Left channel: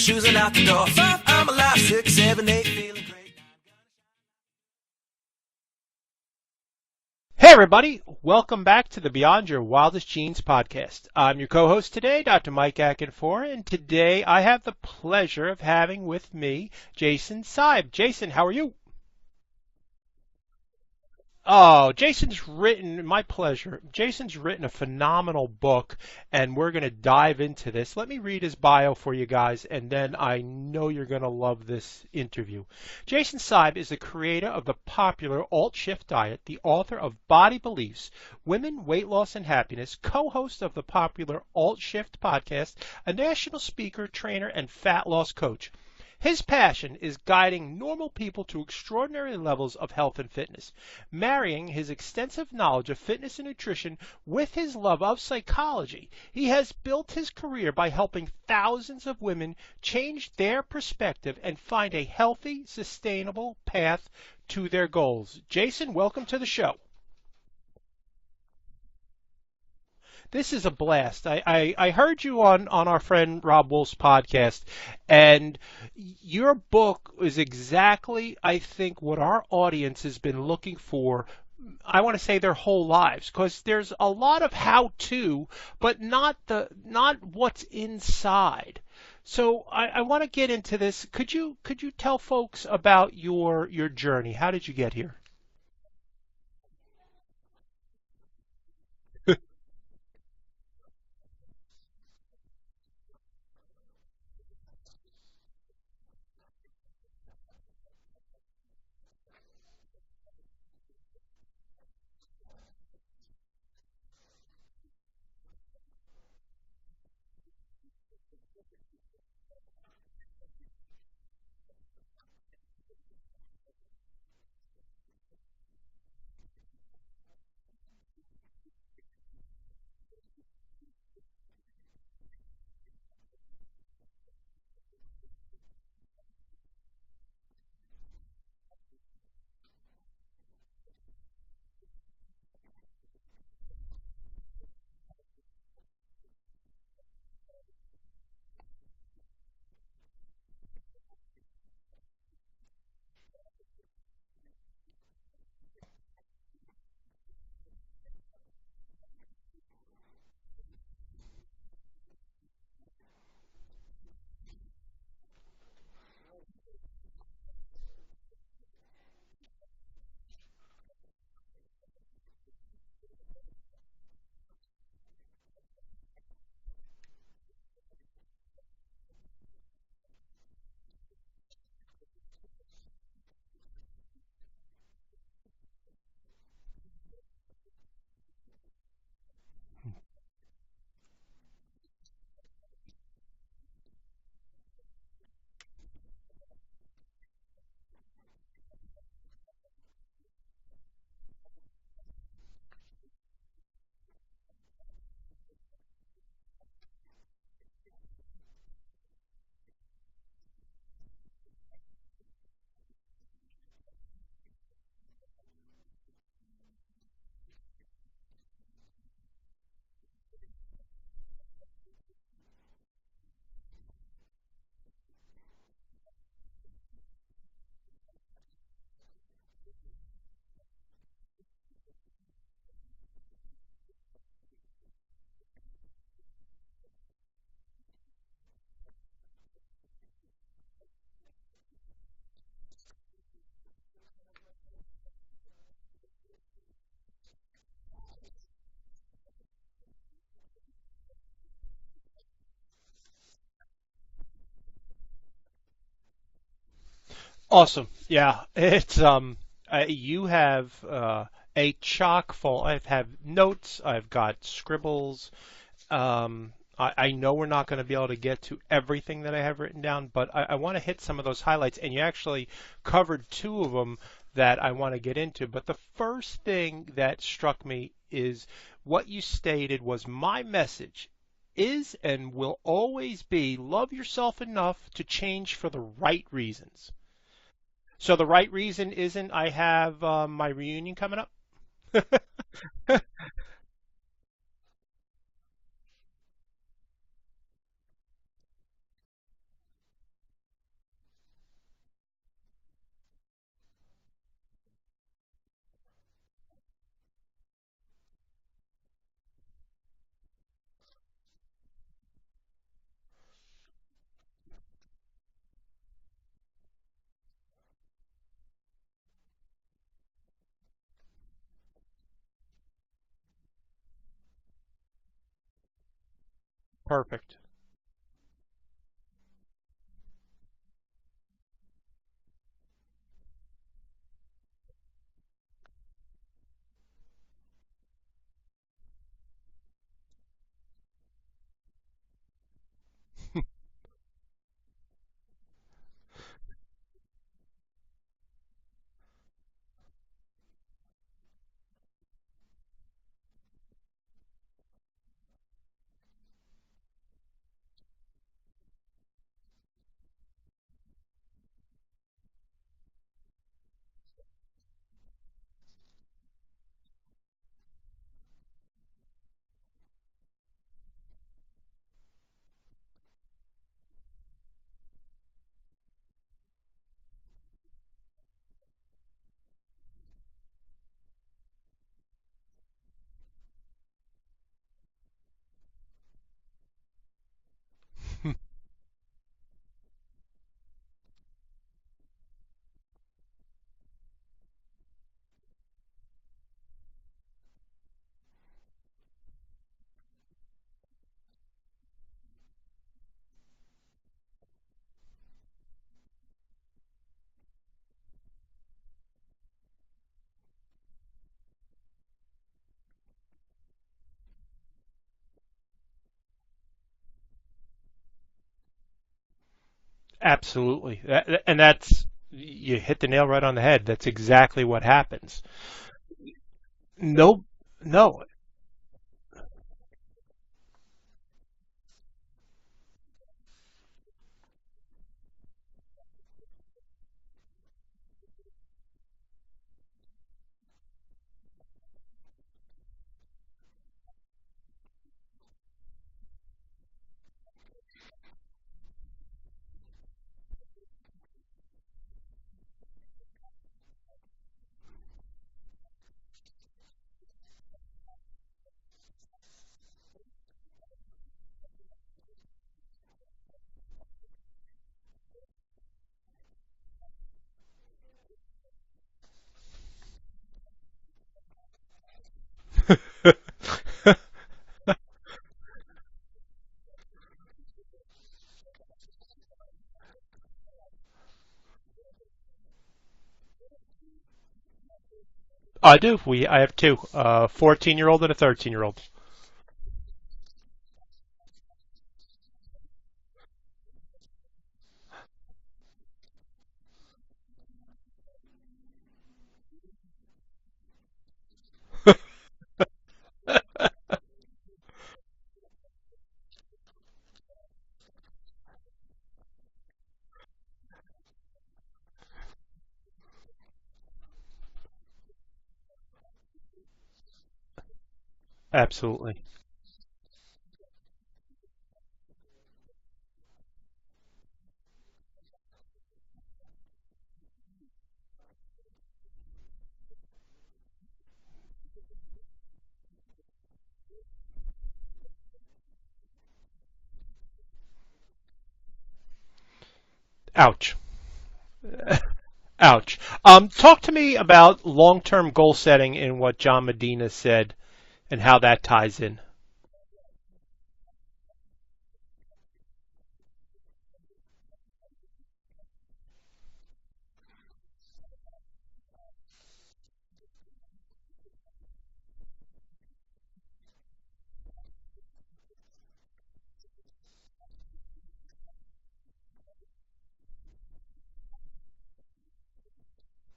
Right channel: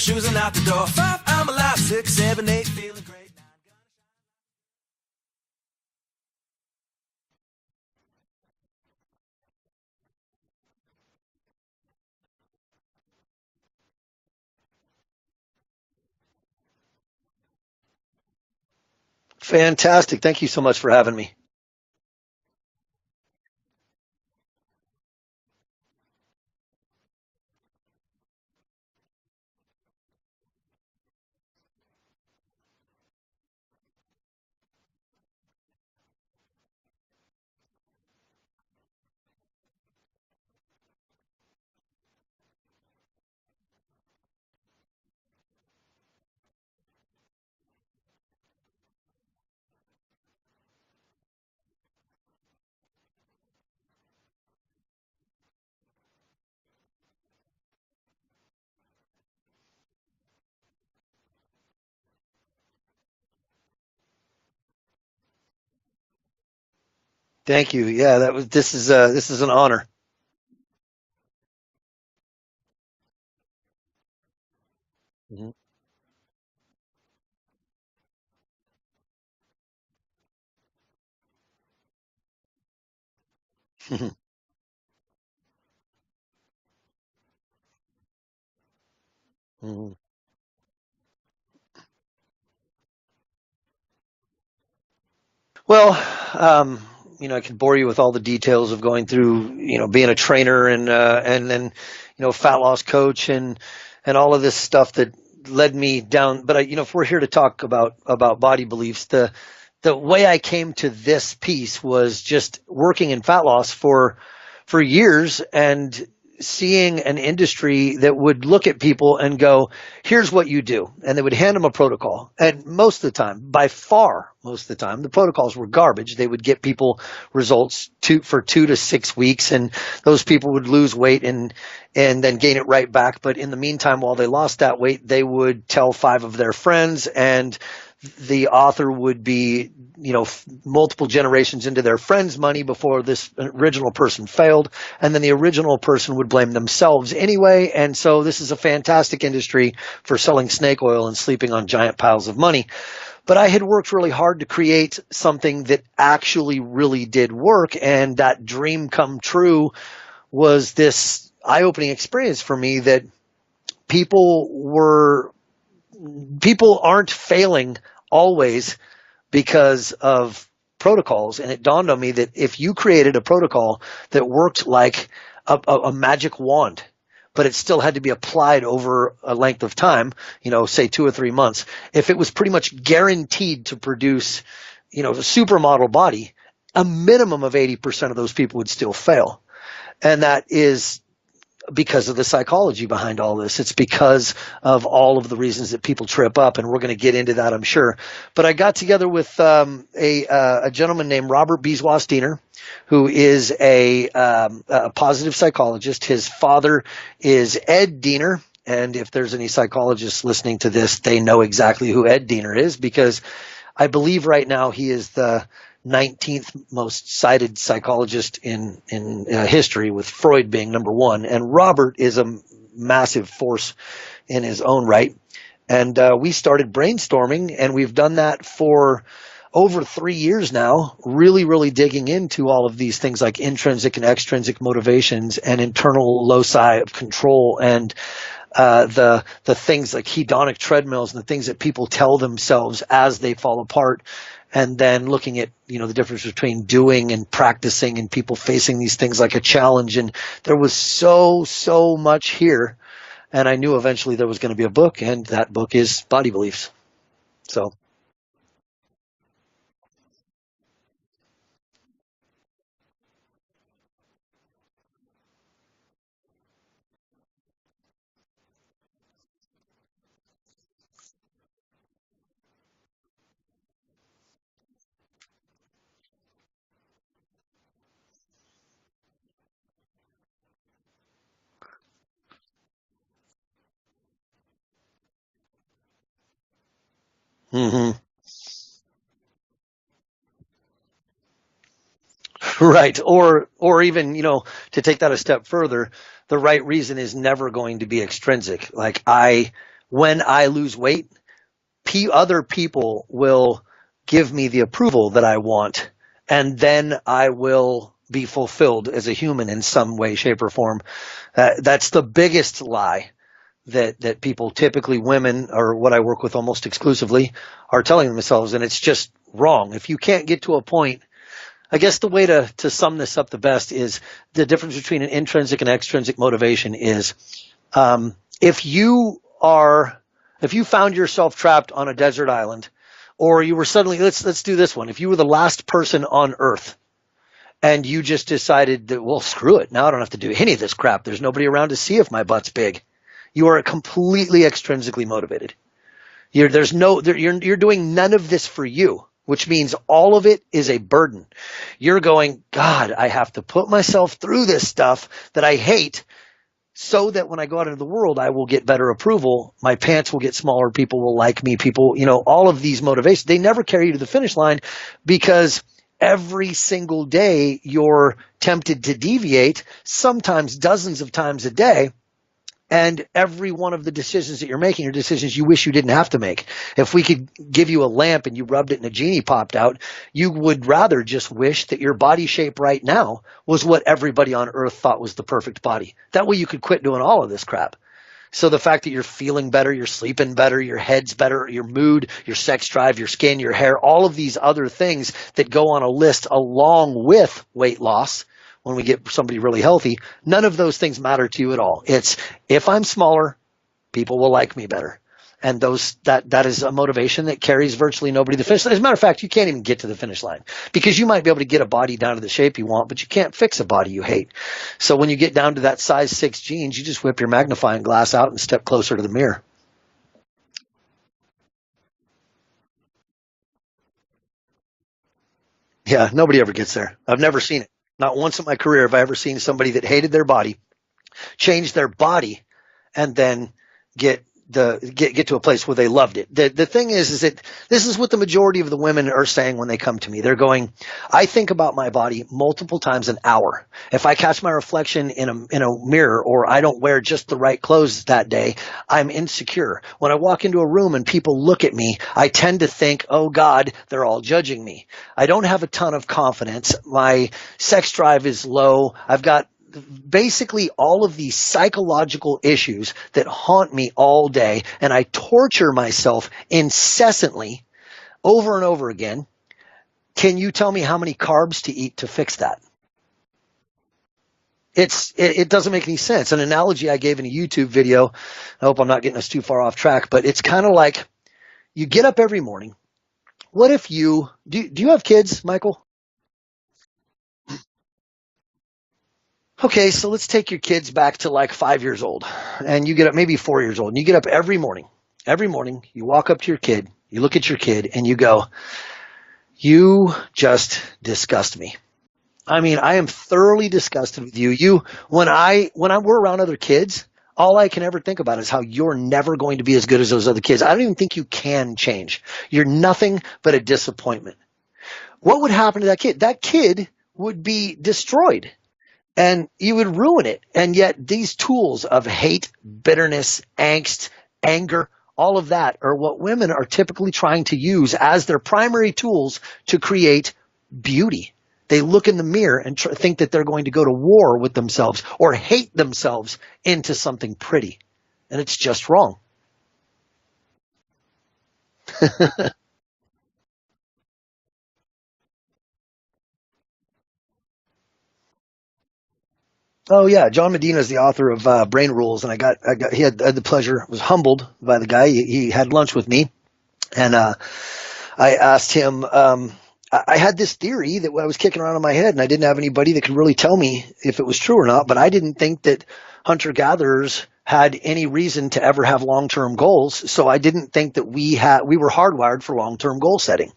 shoes and out the door. 5, I'm alive. 6, 7, 8, feeling great. Hey everybody, welcome back to the Beyond Your Wildest Genes podcast. I'm your co-host today, Dr. Mike Akinfor, and today I have the pleasure of having with me Jason Seib. Jason, how are you? Fantastic. Thank you so much for having me. Oh, my pleasure. Jason's written a phenomenal book, and we're going to dive into this. Let me read his bio for you guys, and then I know you're going to love this interview. Jason Seib is the creator of the popular AltShift Diet, the author of Body Beliefs, Women, Weight Loss, and Happiness, co-host of the popular AltShift Podcast, a national speaker, trainer, and fat loss coach. His passion is guiding normal people to extraordinary levels of health and fitness, marrying his extensive knowledge of fitness and nutrition with his love of psychology. He has built his career by helping thousands of women change their perspective and find a healthy, sustainable path to their goals. Jason, welcome to the show. Thank you. Yeah, this is an honor. This is a blast. I heard you on our friend Rob Wolf's podcast, and your book is exactly, I think, what our audience has been looking for, I want to say their whole lives, because there's a lot of how-to, but not what's inside. So I want to get into this. Could you tell folks about your journey? How did you get here? Well, I could bore you with all the details of going through, being a trainer and then, fat loss coach and all of this stuff that led me down. But if we're here to talk about body beliefs, the way I came to this piece was just working in fat loss for years and seeing an industry that would look at people and go, here's what you do. And they would hand them a protocol. And most of the time, by far, most of the time, the protocols were garbage. They would get people results for 2 to 6 weeks, and those people would lose weight and then gain it right back. But in the meantime, while they lost that weight, they would tell 5 of their friends, and the author would be, multiple generations into their friends' money before this original person failed. And then the original person would blame themselves anyway. And so this is a fantastic industry for selling snake oil and sleeping on giant piles of money. But I had worked really hard to create something that actually really did work. And that dream come true was this eye-opening experience for me that people aren't failing always because of protocols. And it dawned on me that if you created a protocol that worked like a magic wand, but it still had to be applied over a length of time, say 2 or 3 months, if it was pretty much guaranteed to produce, a supermodel body, a minimum of 80% of those people would still fail. And that is because of the psychology behind all this. It's because of all of the reasons that people trip up, and we're going to get into that, I'm sure. But I got together with a gentleman named Robert Beeswax-Diener, who is a positive psychologist. His father is Ed Diener, and if there's any psychologists listening to this, they know exactly who Ed Diener is, because I believe right now he is the 19th most cited psychologist in history, with Freud being number 1. And Robert is a massive force in his own right. And we started brainstorming, and we've done that for over 3 years now, really, really digging into all of these things like intrinsic and extrinsic motivations and internal loci of control, and the things like hedonic treadmills and the things that people tell themselves as they fall apart. And then looking at, the difference between doing and practicing, and people facing these things like a challenge. And there was so much here. And I knew eventually there was going to be a book, and that book is Body Beliefs. So. Awesome. Yeah. It's, you have a chock full. I have notes. I've got scribbles. I know we're not going to be able to get to everything that I have written down, but I want to hit some of those highlights. And you actually covered 2 of them that I want to get into. But the first thing that struck me is what you stated was, my message is and will always be, love yourself enough to change for the right reasons. Mm-hmm. So the right reason isn't I have my reunion coming up? Right. Or even, to take that a step further, the right reason is never going to be extrinsic. Like, I when I lose weight, other people will give me the approval that I want, and then I will be fulfilled as a human in some way, shape, or form. That's the biggest lie that people, typically women, or what I work with almost exclusively, are telling themselves, and it's just wrong. If you can't get to a point, I guess the way to sum this up the best is the difference between an intrinsic and extrinsic motivation is if you found yourself trapped on a desert island, or you were suddenly, let's do this one. If you were the last person on Earth and you just decided that, well, screw it. Now I don't have to do any of this crap. There's nobody around to see if my butt's big. You are completely extrinsically motivated. You're doing none of this for you, which means all of it is a burden. You're going, God, I have to put myself through this stuff that I hate so that when I go out into the world, I will get better approval. My pants will get smaller. People will like me. People, all of these motivations, they never carry you to the finish line, because every single day you're tempted to deviate, sometimes dozens of times a day. And every one of the decisions that you're making are decisions you wish you didn't have to make. If we could give you a lamp and you rubbed it and a genie popped out, you would rather just wish that your body shape right now was what everybody on Earth thought was the perfect body. That way you could quit doing all of this crap. So the fact that you're feeling better, you're sleeping better, your head's better, your mood, your sex drive, your skin, your hair, all of these other things that go on a list along with weight loss, when we get somebody really healthy, none of those things matter to you at all. It's, if I'm smaller, people will like me better. And that is a motivation that carries virtually nobody to the finish line. As a matter of fact, you can't even get to the finish line, because you might be able to get a body down to the shape you want, but you can't fix a body you hate. So when you get down to that size 6 jeans, you just whip your magnifying glass out and step closer to the mirror. Absolutely. You hit the nail right on the head. That's exactly what happens. Yeah, nobody ever gets there. I've never seen it. No. Not once in my career have I ever seen somebody that hated their body, change their body, and then get to a place where they loved it. The thing is that this is what the majority of the women are saying when they come to me. They're going, I think about my body multiple times an hour. If I catch my reflection in a mirror, or I don't wear just the right clothes that day, I'm insecure. When I walk into a room and people look at me, I tend to think, oh God, they're all judging me. I don't have a ton of confidence. My sex drive is low. I've got basically all of these psychological issues that haunt me all day, and I torture myself incessantly over and over again. Can you tell me how many carbs to eat to fix that? It doesn't make any sense. An analogy I gave in a YouTube video, I hope I'm not getting us too far off track, but it's kind of like you get up every morning. What if do you have kids, Michael? I do. I have two, a 14-year-old and a 13-year-old. Okay, so let's take your kids back to like 5 years old, and you get up, maybe 4 years old, and you get up every morning. Every morning, you walk up to your kid, you look at your kid, and you go, you just disgust me. I mean, I am thoroughly disgusted with you. When we're around other kids, all I can ever think about is how you're never going to be as good as those other kids. I don't even think you can change. You're nothing but a disappointment. What would happen to that kid? That kid would be destroyed. Absolutely. And you would ruin it. And yet these tools of hate, bitterness, angst, anger, all of that are what women are typically trying to use as their primary tools to create beauty. They look in the mirror and think that they're going to go to war with themselves or hate themselves into something pretty. And it's just wrong. Ouch. Ouch. Talk to me about long-term goal setting and what John Medina said and how that ties in. Oh yeah, John Medina is the author of Brain Rules, and he had the pleasure, was humbled by the guy. He had lunch with me, and I asked him. I had this theory that I was kicking around in my head, and I didn't have anybody that could really tell me if it was true or not. But I didn't think that hunter-gatherers had any reason to ever have long-term goals, so I didn't think that we were hardwired for long-term goal setting.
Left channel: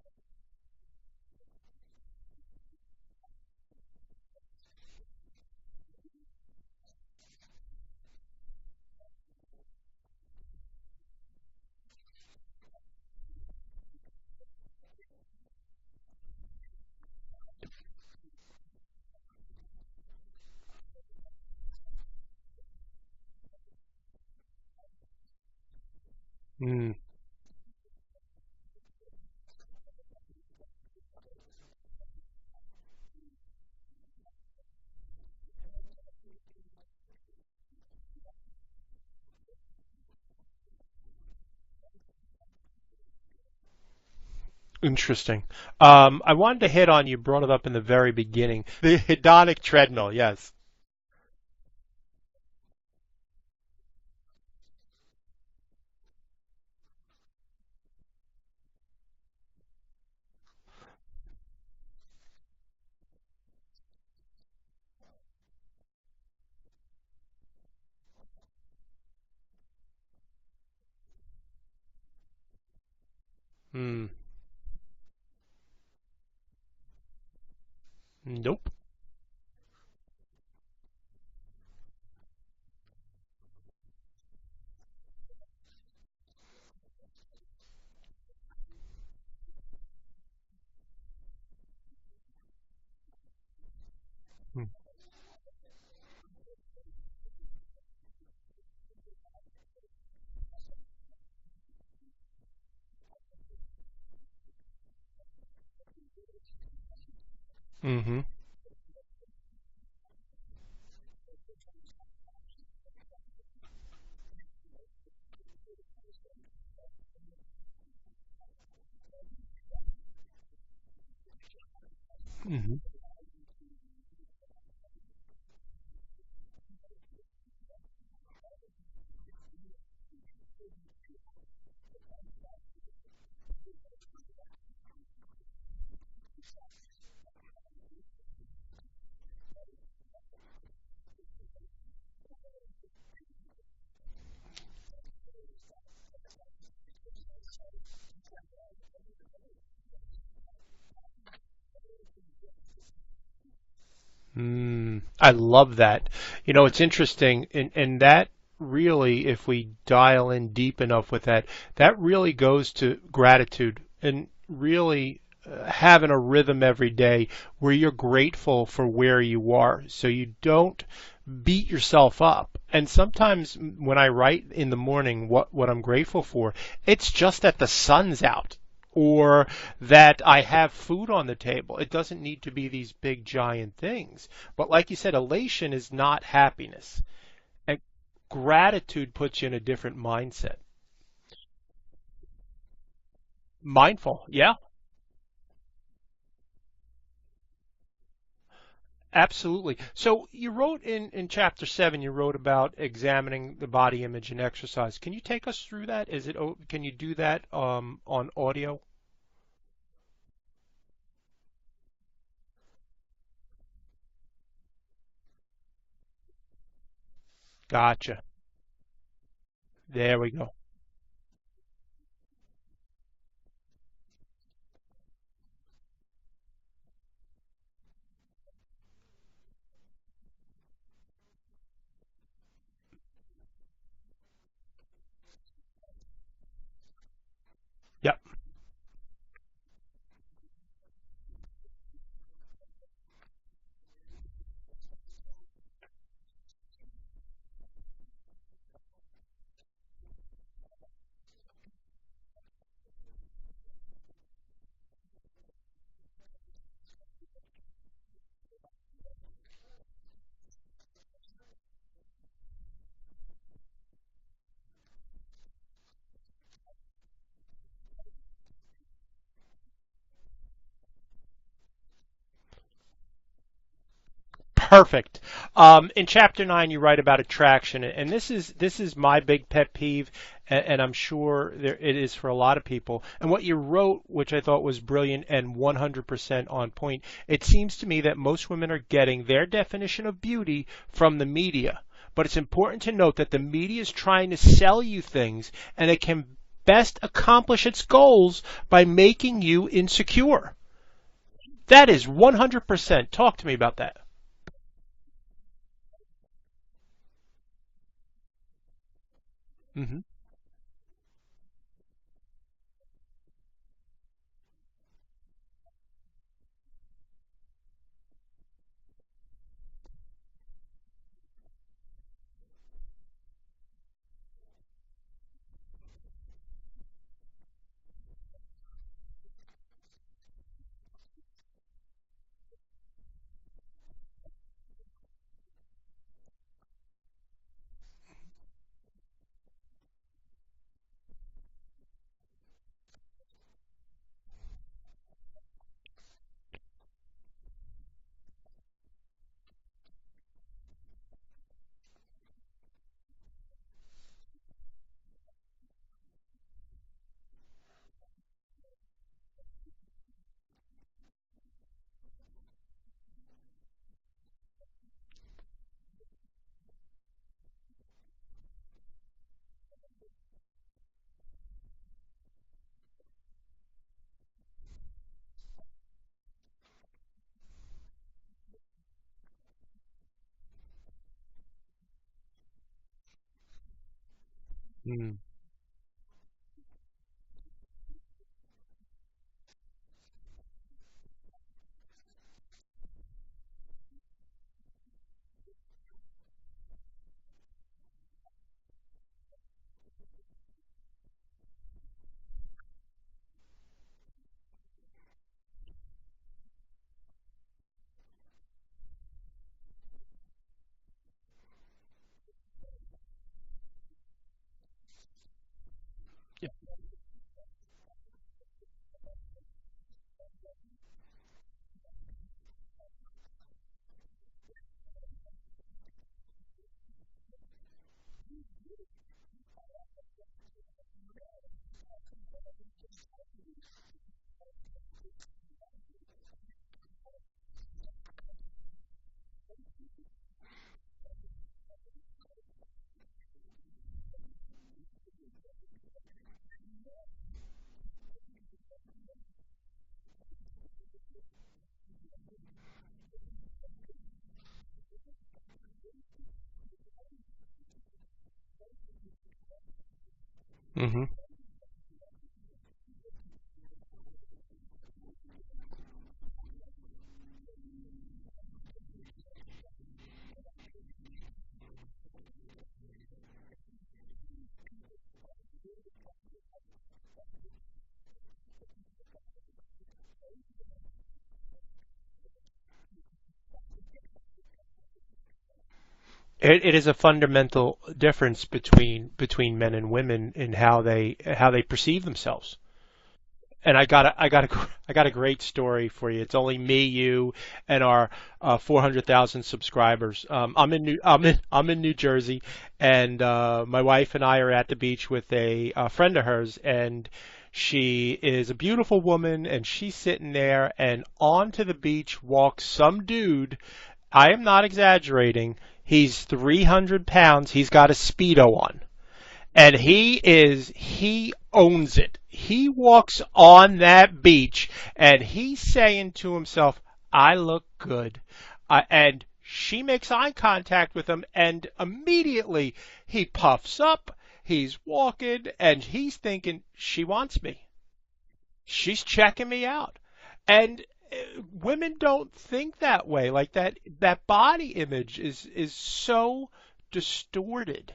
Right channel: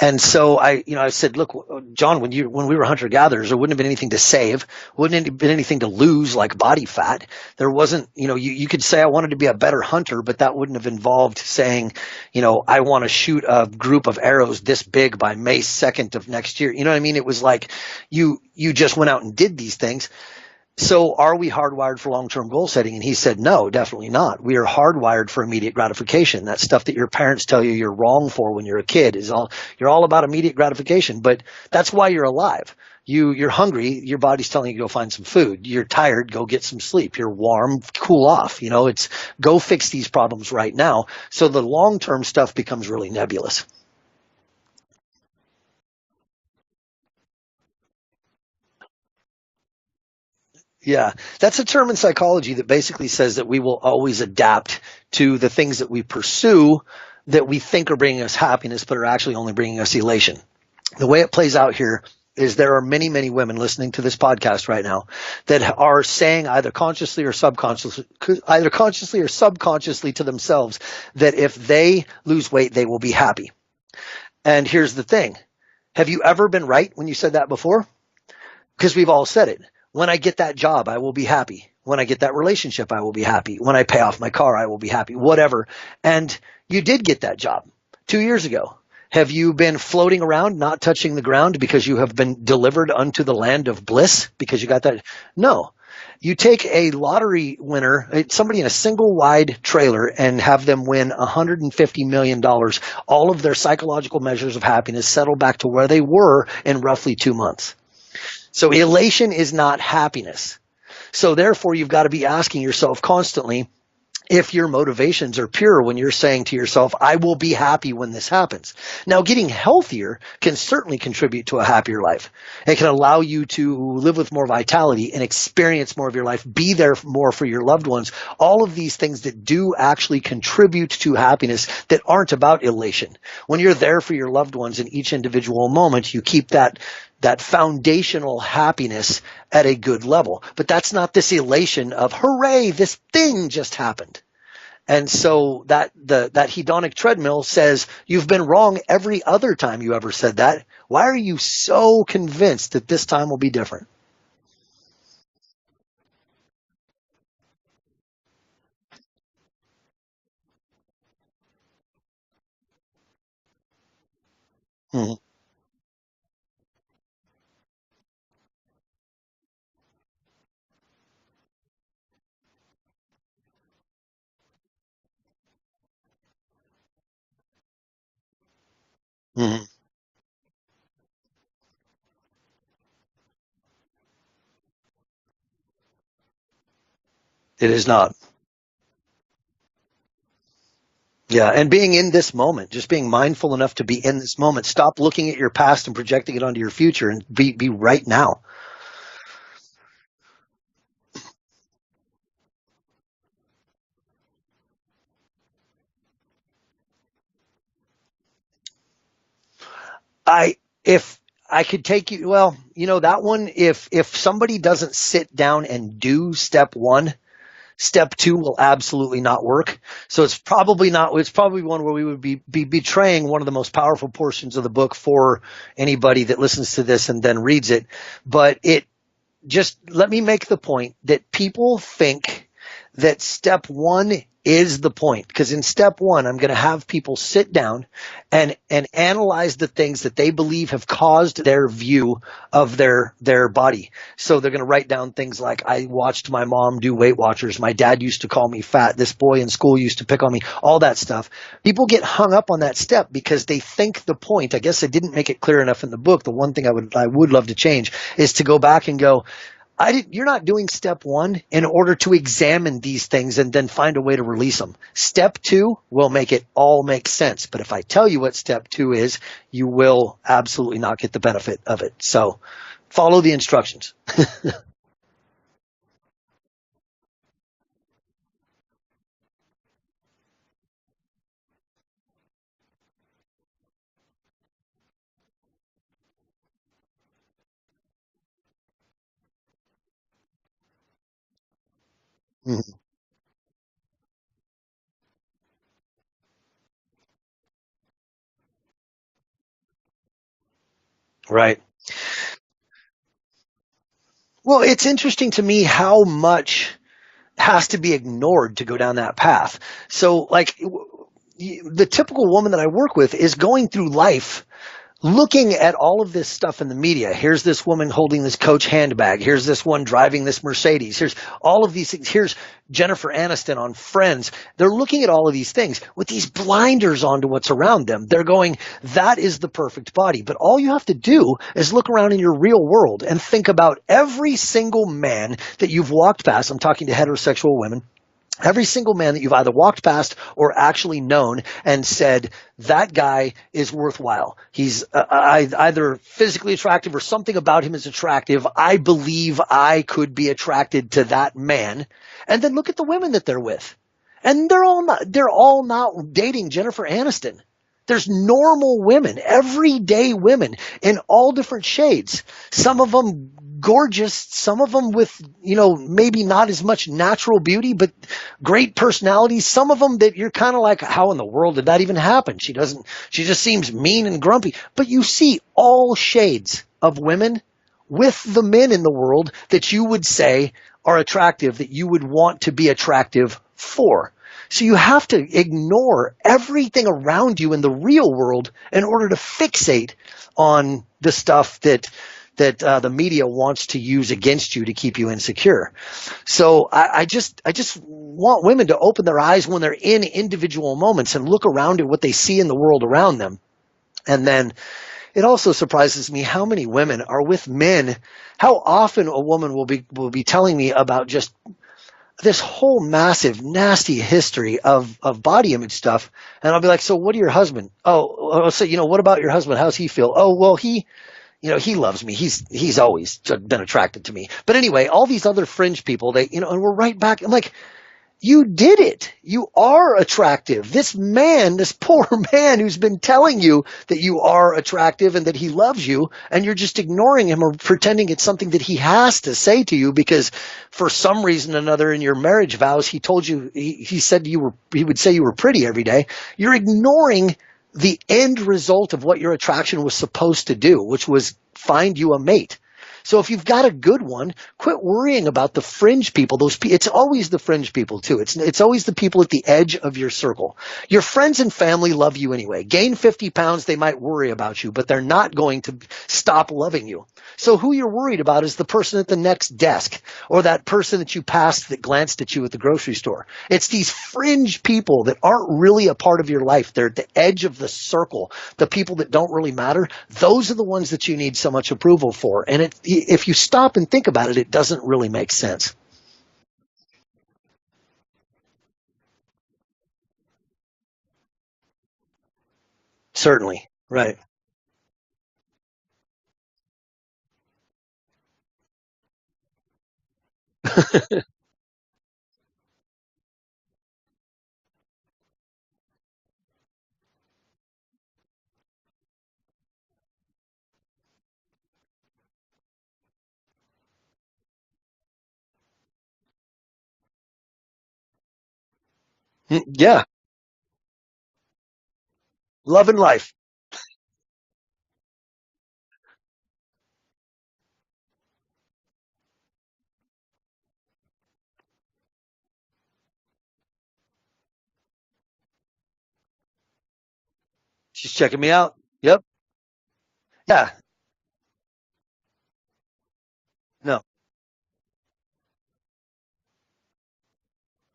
And so I said, look, John, when we were hunter-gatherers, there wouldn't have been anything to save, wouldn't have been anything to lose like body fat. There wasn't, you could say I wanted to be a better hunter, but that wouldn't have involved saying, I want to shoot a group of arrows this big by May 2nd of next year. You know what I mean? It was like you just went out and did these things. So are we hardwired for long-term goal setting? And he said, no, definitely not. We are hardwired for immediate gratification. That stuff that your parents tell you you're wrong for when you're a kid you're all about immediate gratification, but that's why you're alive. You're hungry, your body's telling you to go find some food. You're tired, go get some sleep. You're warm, cool off. It's go fix these problems right now. So the long-term stuff becomes really nebulous. Interesting. I wanted to hit on, you brought it up in the very beginning, the hedonic treadmill, yes. Yeah, that's a term in psychology that basically says that we will always adapt to the things that we pursue that we think are bringing us happiness, but are actually only bringing us elation. The way it plays out here is there are many, many women listening to this podcast right now that are saying either consciously or subconsciously to themselves that if they lose weight, they will be happy. And here's the thing. Have you ever been right when you said that before? Nope. Because we've all said it. When I get that job, I will be happy. When I get that relationship, I will be happy. When I pay off my car, I will be happy. Whatever. And you did get that job 2 years ago. Have you been floating around, not touching the ground because you have been delivered unto the land of bliss because you got that? No. You take a lottery winner, somebody in a single wide trailer, and have them win $150 million. All of their psychological measures of happiness settle back to where they were in roughly 2 months. So elation is not happiness. So therefore, you've got to be asking yourself constantly, if your motivations are pure when you're saying to yourself, I will be happy when this happens. Now, getting healthier can certainly contribute to a happier life. It can allow you to live with more vitality and experience more of your life, be there more for your loved ones. All of these things that do actually contribute to happiness that aren't about elation. When you're there for your loved ones in each individual moment, you keep that foundational happiness at a good level. But that's not this elation of, hooray, this thing just happened. And so that hedonic treadmill says, you've been wrong every other time you ever said that. Why are you so convinced that this time will be different? I love that. It's interesting, and that really, if we dial in deep enough with that really goes to gratitude and really having a rhythm every day where you're grateful for where you are so you don't beat yourself up. And sometimes when I write in the morning what I'm grateful for, it's just that the sun's out or that I have food on the table. It doesn't need to be these big giant things. But like you said, elation is not happiness. It is not. Gratitude puts you in a different mindset. Yeah, and being in this moment, just being mindful enough to be in this moment. Stop looking at your past and projecting it onto your future and be right now. Absolutely. So you wrote in Chapter 7, you wrote about examining the body image and exercise. Can you take us through that? Can you do that on audio? If I could take you, well, that one, if somebody doesn't sit down and do step 1, gotcha. Step 2 will absolutely not work. So it's probably one where we would be betraying one of the most powerful portions of the book for anybody that listens to this and then reads it. But just let me make the point that people think that step 1 is the point, because in step 1, I'm going to have people sit down and analyze the things that they believe have caused their view of their body. So they're going to write down things like, I watched my mom do Weight Watchers. My dad used to call me fat. This boy in school used to pick on me, all that stuff. People get hung up on that step because they think the point, I guess I didn't make it clear enough in the book. The one thing I would love to change is to go back and go, you're not doing step 1 in order to examine these things and then find a way to release them. Step 2 will make it all make sense. But if I tell you what step 2 is, you will absolutely not get the benefit of it. So follow the instructions. Perfect. In Chapter 9, you write about attraction, and this is my big pet peeve, and I'm sure it is for a lot of people. And what you wrote, which I thought was brilliant and 100% on point, it seems to me that most women are getting their definition of beauty from the media. But it's important to note that the media is trying to sell you things, and it can best accomplish its goals by making you insecure. Right. That is 100%. Talk to me about that. Well, it's interesting to me how much has to be ignored to go down that path. So like the typical woman that I work with is going through life looking at all of this stuff in the media. Here's this woman holding this Coach handbag. Here's this one driving this Mercedes. Here's all of these things. Here's Jennifer Aniston on Friends. They're looking at all of these things with these blinders onto what's around them. They're going, that is the perfect body. But all you have to do is look around in your real world and think about every single man that you've walked past. I'm talking to heterosexual women. Every single man that you've either walked past or actually known and said, that guy is worthwhile. He's either physically attractive or something about him is attractive. I believe I could be attracted to that man. And then look at the women that they're with. And they're all not dating Jennifer Aniston. There's normal women, everyday women in all different shades. Some of them gorgeous, some of them with, maybe not as much natural beauty, but great personalities. Some of them that you're kind of like, how in the world did that even happen? She just seems mean and grumpy. But you see all shades of women with the men in the world that you would say are attractive, that you would want to be attractive for. So you have to ignore everything around you in the real world in order to fixate on the stuff that the media wants to use against you to keep you insecure. So I just want women to open their eyes when they're in individual moments and look around at what they see in the world around them. And then it also surprises me how many women are with men. How often a woman will be telling me about just this whole massive, nasty history of body image stuff. And I'll be like, so what do your husband? Oh, so, what about your husband? How's he feel? Oh, well, he loves me. He's always been attracted to me. But anyway, all these other fringe people, and we're right back. I'm like, you did it. You are attractive. This poor man who's been telling you that you are attractive and that he loves you, and you're just ignoring him or pretending it's something that he has to say to you because for some reason or another in your marriage vows, he told you, he said he would say you were pretty every day. You're ignoring the end result of what your attraction was supposed to do, which was find you a mate. So if you've got a good one, quit worrying about the fringe people. It's always the fringe people too. It's always the people at the edge of your circle. Mm-hmm. Your friends and family love you anyway. Gain 50 pounds, they might worry about you, but they're not going to stop loving you. So who you're worried about is the person at the next desk or that person that you passed that glanced at you at the grocery store. It's these fringe people that aren't really a part of your life. They're at the edge of the circle. The people that don't really matter, those are the ones that you need so much approval for. And if you stop and think about it, it doesn't really make sense. It is a fundamental difference between men and women in how they perceive themselves. Certainly. And I got a great story for you. It's only me, you, and our 400,000 subscribers. I'm in New Jersey, and my wife and I are at the beach with a friend of hers, and she is a beautiful woman, and she's sitting there, and onto the beach walks some dude. I am not exaggerating. He's 300 pounds. He's got a Speedo on, and he owns it. He walks on that beach, and he's saying to himself, I look good. And she makes eye contact with him, and immediately he puffs up. He's walking, and he's thinking, she wants me. She's checking me out. She's checking me out. Yeah. And women don't think that way. Like that, no. That body image is so distorted.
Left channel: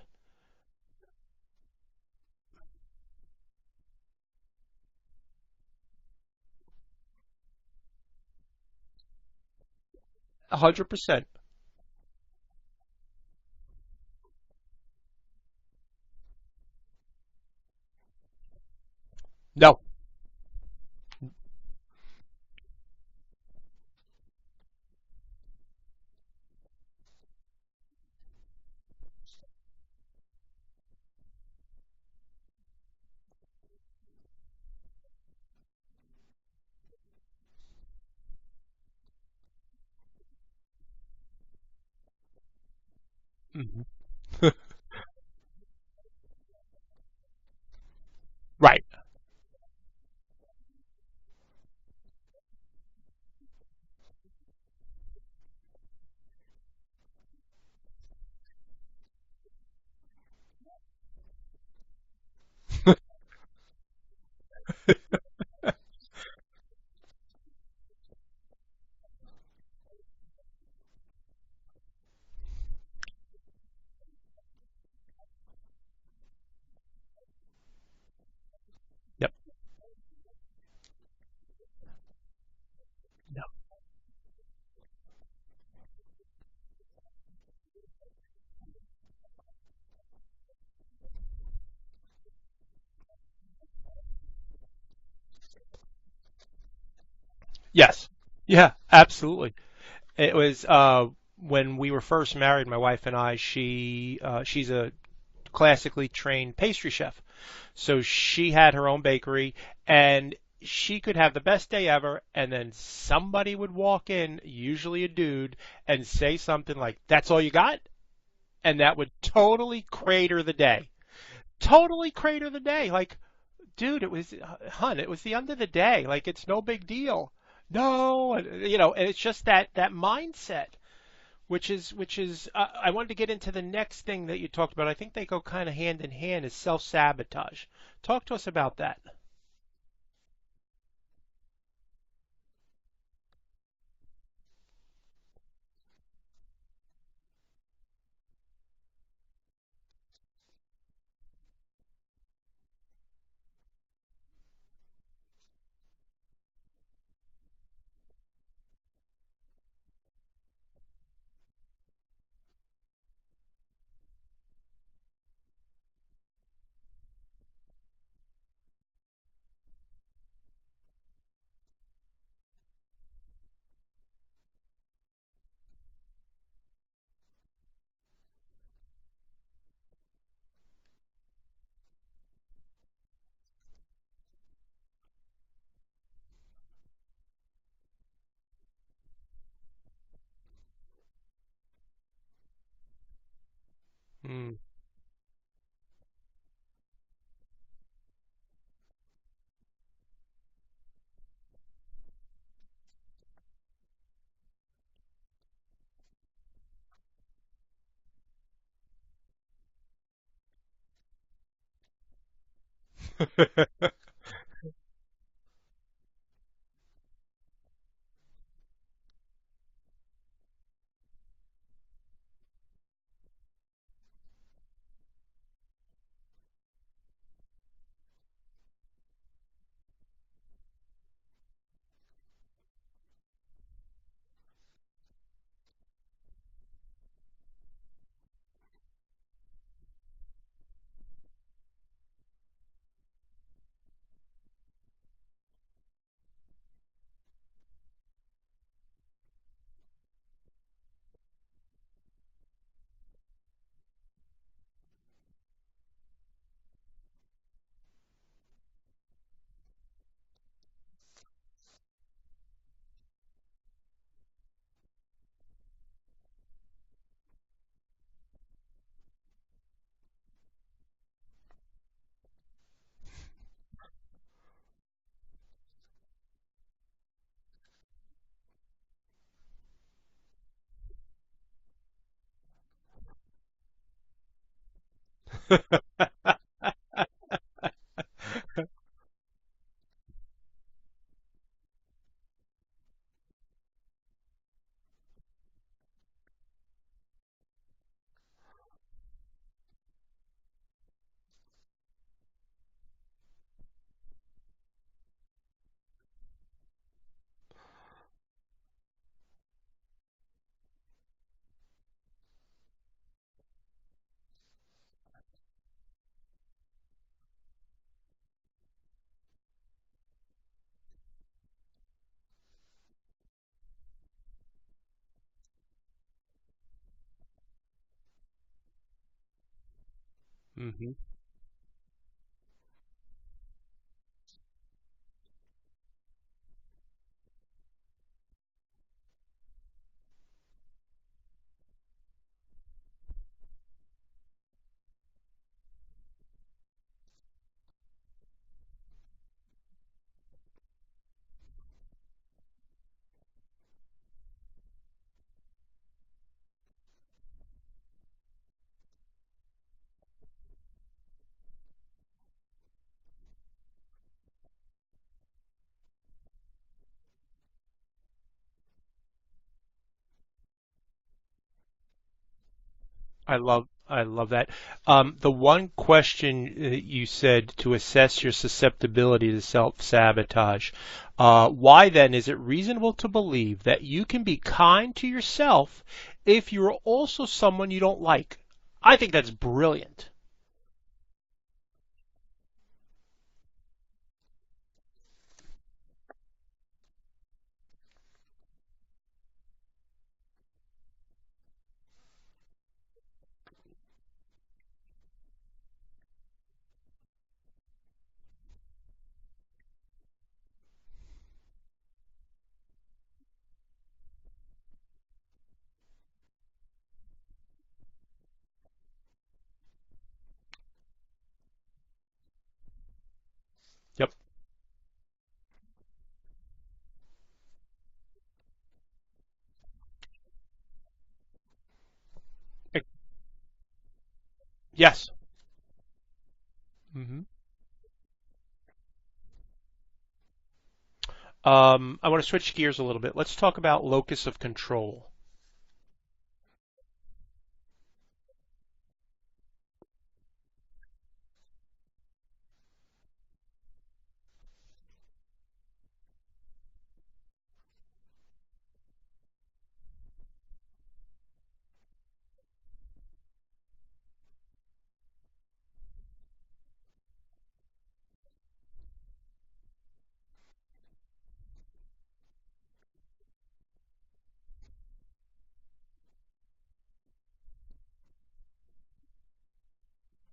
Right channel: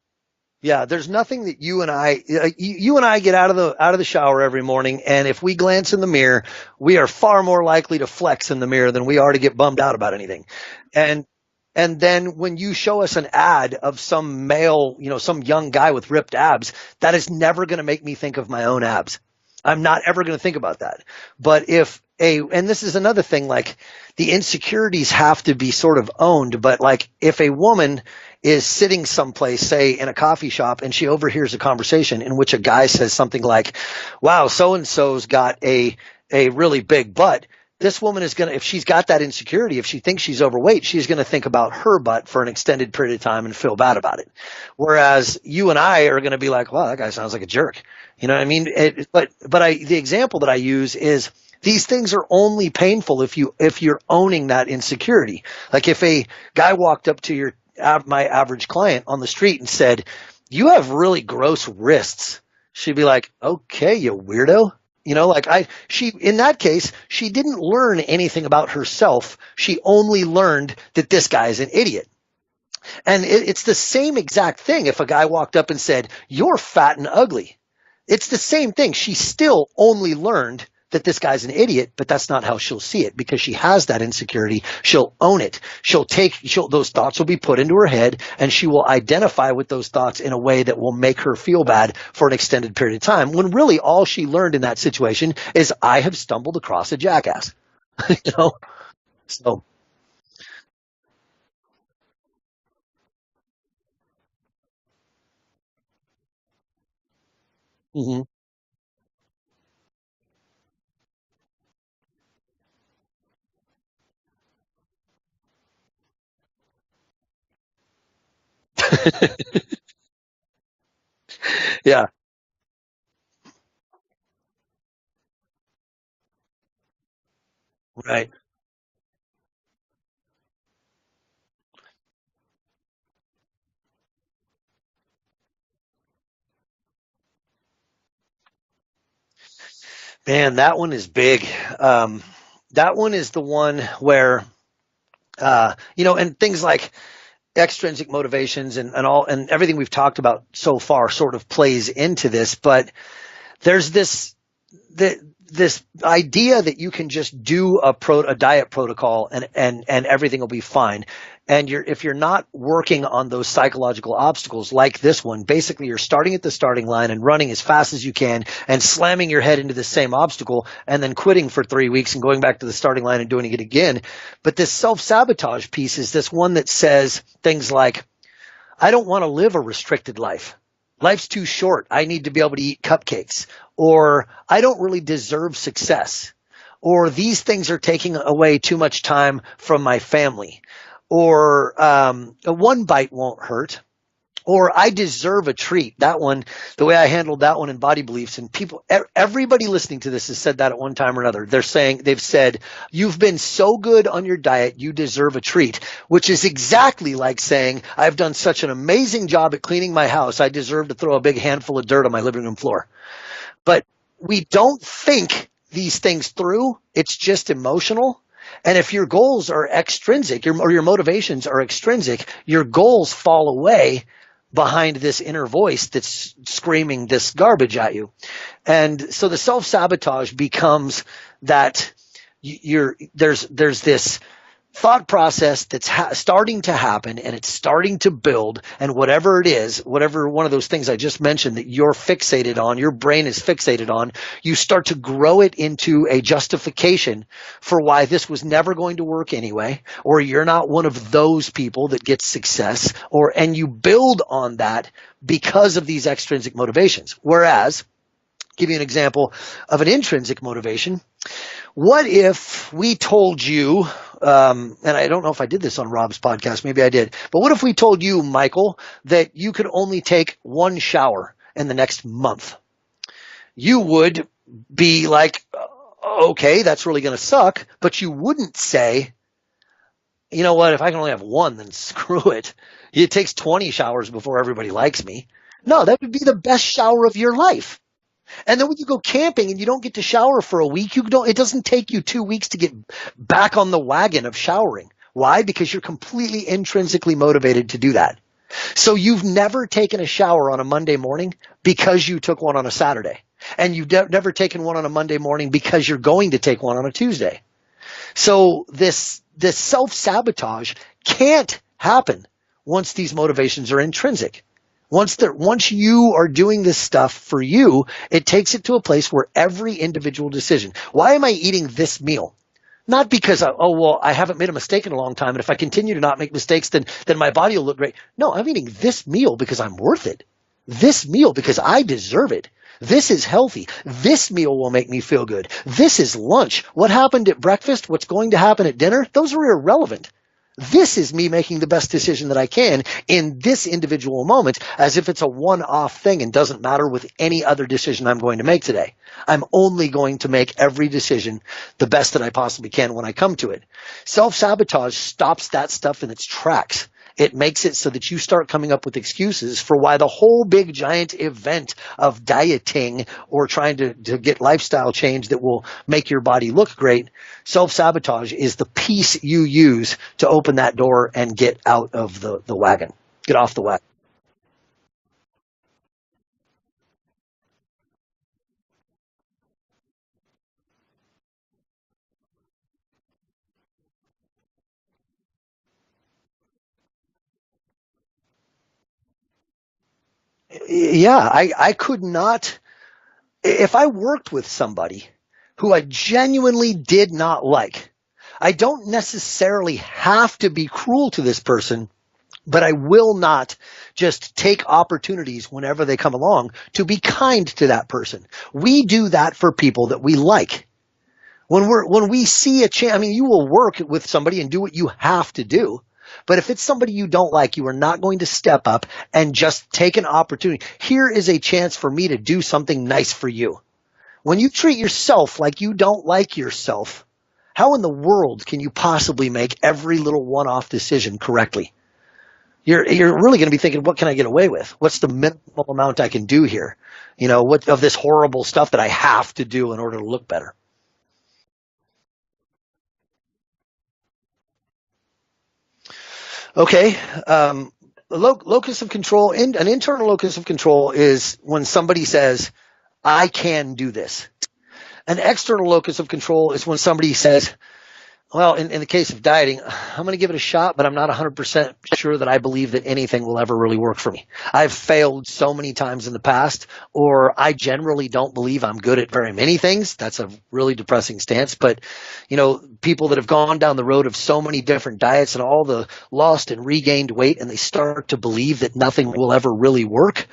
Yeah, there's nothing that you and I get out of the shower every morning, and if we glance in the mirror, we are far more likely to flex in the mirror than we are to get bummed out about anything. 100%. And then when you show us an ad of some male, some young guy with ripped abs, that is never going to make me think of my own abs. No. I'm not ever going to think about that. But and this is another thing, like the insecurities have to be sort of owned, but like if a woman is sitting someplace, say in a coffee shop, and she overhears a conversation in which a guy says something like, wow, so-and-so's got a really big butt. This woman is going to, if she's got that insecurity, if she thinks she's overweight, she's going to think about her butt for an extended period of time and feel bad about it. Whereas you and I are going to be like, wow, that guy sounds like a jerk. You know what I mean? Right. But the example that I use is these things are only painful if you're owning that insecurity. Like if a guy walked up to my average client on the street and said, you have really gross wrists. She'd be like, okay, you weirdo. In that case, she didn't learn anything about herself. She only learned that this guy's an idiot. And it's the same exact thing if a guy walked up and said, you're fat and ugly. It's the same thing. She still only learned that this guy's an idiot, but that's not how she'll see it because she has that insecurity. She'll own it. Those thoughts will be put into her head and she will identify with those thoughts in a way that will make her feel bad for an extended period of time when really all she learned in that situation is I have stumbled across a jackass. Yes. Yeah, absolutely. So, it was when we were first married, my wife and I, she's a classically trained pastry chef. So she had her own bakery and she could have the best day ever, and then somebody would walk in, usually a dude, and say something like, that's all you got? And that would totally crater the day. Crater the day. Like, dude, it was the end of the day. Like, it's no big deal. No, right. And it's just that mindset, which is I wanted to get into the next thing that you talked about. I think they go kind of hand in hand, is self-sabotage. Talk to us about that. Man, that one is big. That one is the one where, and things like extrinsic motivations and everything we've talked about so far sort of plays into this. But there's this idea that you can just do a diet protocol and everything will be fine. And if you're not working on those psychological obstacles like this one, basically you're starting at the starting line and running as fast as you can and slamming your head into the same obstacle and then quitting for 3 weeks and going back to the starting line and doing it again. But this self-sabotage piece is this one that says things like, I don't want to live a restricted life. Life's too short. I need to be able to eat cupcakes. Or I don't really deserve success. Or these things are taking away too much time from my family. Or one bite won't hurt, or I deserve a treat. That one, the way I handled that one in Body Beliefs, and everybody listening to this has said that at one time or another. They've said, you've been so good on your diet, you deserve a treat, which is exactly like saying, I've done such an amazing job at cleaning my house, I deserve to throw a big handful of dirt on my living room floor. But we don't think these things through. It's just emotional. And if your goals are extrinsic, or your motivations are extrinsic, your goals fall away behind this inner voice that's screaming this garbage at you. And so the self-sabotage becomes that there's this thought process that's starting to happen and it's starting to build, and whatever it is, whatever one of those things I just mentioned that you're fixated on, your brain is fixated on, you start to grow it into a justification for why this was never going to work anyway, or you're not one of those people that gets success, and you build on that because of these extrinsic motivations. Whereas, give you an example of an intrinsic motivation. What if we told you, and I don't know if I did this on Rob's podcast, maybe I did, but what if we told you, Michael, that you could only take one shower in the next month? You would be like, okay, that's really going to suck, but you wouldn't say, you know what, if I can only have one, then screw it. It takes 20 showers before everybody likes me. No, that would be the best shower of your life. And then when you go camping and you don't get to shower for a week, it doesn't take you 2 weeks to get back on the wagon of showering. Why? Because you're completely intrinsically motivated to do that. So you've never taken a shower on a Monday morning because you took one on a Saturday. And you've never taken one on a Monday morning because you're going to take one on a Tuesday. So this self-sabotage can't happen once these motivations are intrinsic. Once you are doing this stuff for you, it takes it to a place where every individual decision, why am I eating this meal? Not because, I haven't made a mistake in a long time, and if I continue to not make mistakes, then my body will look great. No, I'm eating this meal because I'm worth it. This meal because I deserve it. This is healthy. This meal will make me feel good. This is lunch. What happened at breakfast? What's going to happen at dinner? Those are irrelevant. This is me making the best decision that I can in this individual moment, as if it's a one-off thing and doesn't matter with any other decision I'm going to make today. I'm only going to make every decision the best that I possibly can when I come to it. Self-sabotage stops that stuff in its tracks. It makes it so that you start coming up with excuses for why the whole big giant event of dieting or trying to get lifestyle change that will make your body look great, self-sabotage is the piece you use to open that door and get out of the wagon. Get off the wagon. I love that. The one question you said to assess your susceptibility to self-sabotage, why then is it reasonable to believe that you can be kind to yourself if you're also someone you don't like? I think that's brilliant. Yeah, I could not, if I worked with somebody who I genuinely did not like, I don't necessarily have to be cruel to this person, but I will not just take opportunities whenever they come along to be kind to that person. We do that for people that we like. When we see a chance, I mean, you will work with somebody and do what you have to do. But if it's somebody you don't like, you are not going to step up and just take an opportunity. Here is a chance for me to do something nice for you. Yep. When you treat yourself like you don't like yourself, how in the world can you possibly make every little one-off decision correctly? You're really going to be thinking, what can I get away with? Yeah. What's the minimal amount I can do here? Mm-hmm. What of this horrible stuff that I have to do in order to look better? I want to switch gears a little bit. Let's talk about locus of control. Okay. Locus of control, an internal locus of control is when somebody says, I can do this. An external locus of control is when somebody says, well, in the case of dieting, I'm going to give it a shot, but I'm not 100% sure that I believe that anything will ever really work for me. I've failed so many times in the past, or I generally don't believe I'm good at very many things. That's a really depressing stance. But, people that have gone down the road of so many different diets and all the lost and regained weight, and they start to believe that nothing will ever really work,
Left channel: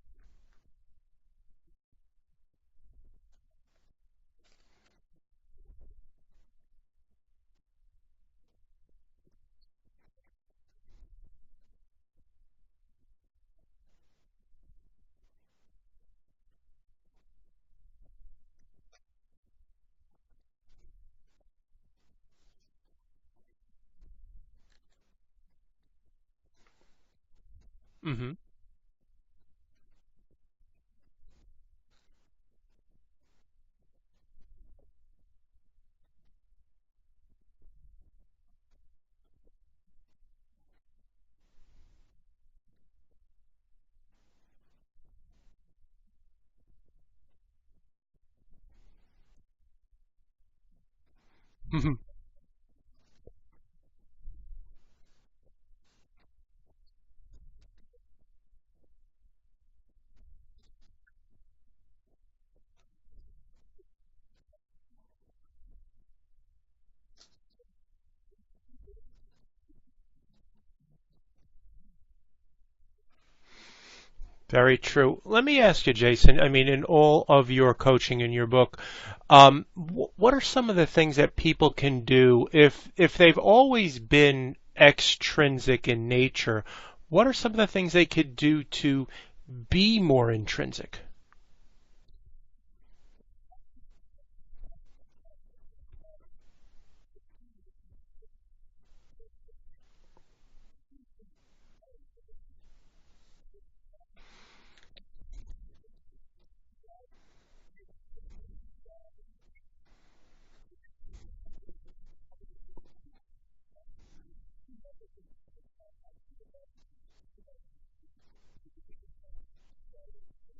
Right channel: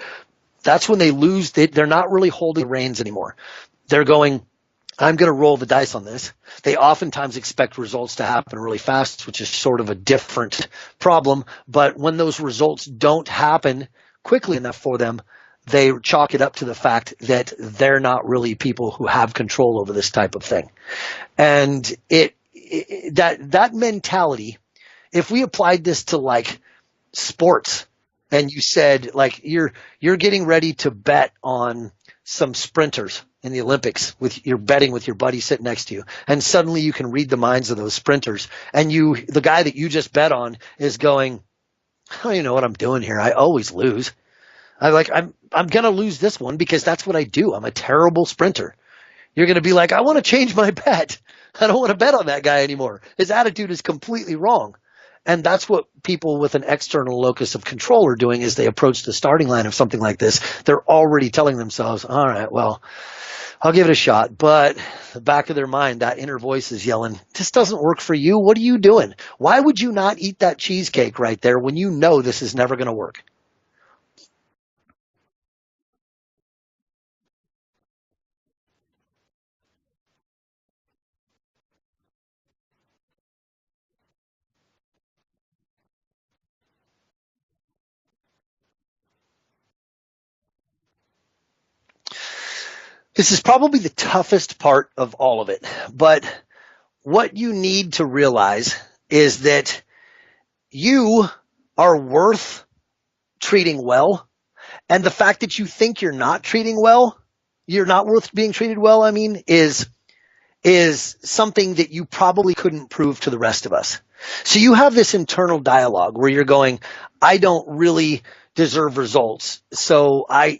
that's when they lose. They're not really holding the reins anymore. They're going, I'm going to roll the dice on this. They oftentimes expect results to happen really fast, which is sort of a different problem. But when those results don't happen quickly enough for them, they chalk it up to the fact that they're not really people who have control over this type of thing. And that mentality, if we applied this to like sports, mm-hmm. and you said like you're getting ready to bet on some sprinters in the Olympics, you're betting with your buddy sitting next to you, and suddenly you can read the minds of those sprinters, and the guy that you just bet on is going, I don't even know what I'm doing here. I always lose. I'm gonna lose this one because that's what I do. I'm a terrible sprinter. You're gonna be like, I want to change my bet. I don't want to bet on that guy anymore. His attitude is completely wrong. And that's what people with an external locus of control are doing as they approach the starting line of something like this. They're already telling themselves, all right, well, I'll give it a shot. But the back of their mind, that inner voice is yelling, this doesn't work for you. What are you doing? Why would you not eat that cheesecake right there when you know this is never going to work? Very true. Let me ask you, Jason, I mean, in all of your coaching in your book, what are some of the things that people can do if they've always been extrinsic in nature? What are some of the things they could do to be more intrinsic? This is probably the toughest part of all of it, but what you need to realize is that you are worth treating well, and the fact that you think you're not worth being treated well, is something that you probably couldn't prove to the rest of us. So you have this internal dialogue where you're going, I don't really deserve results. So I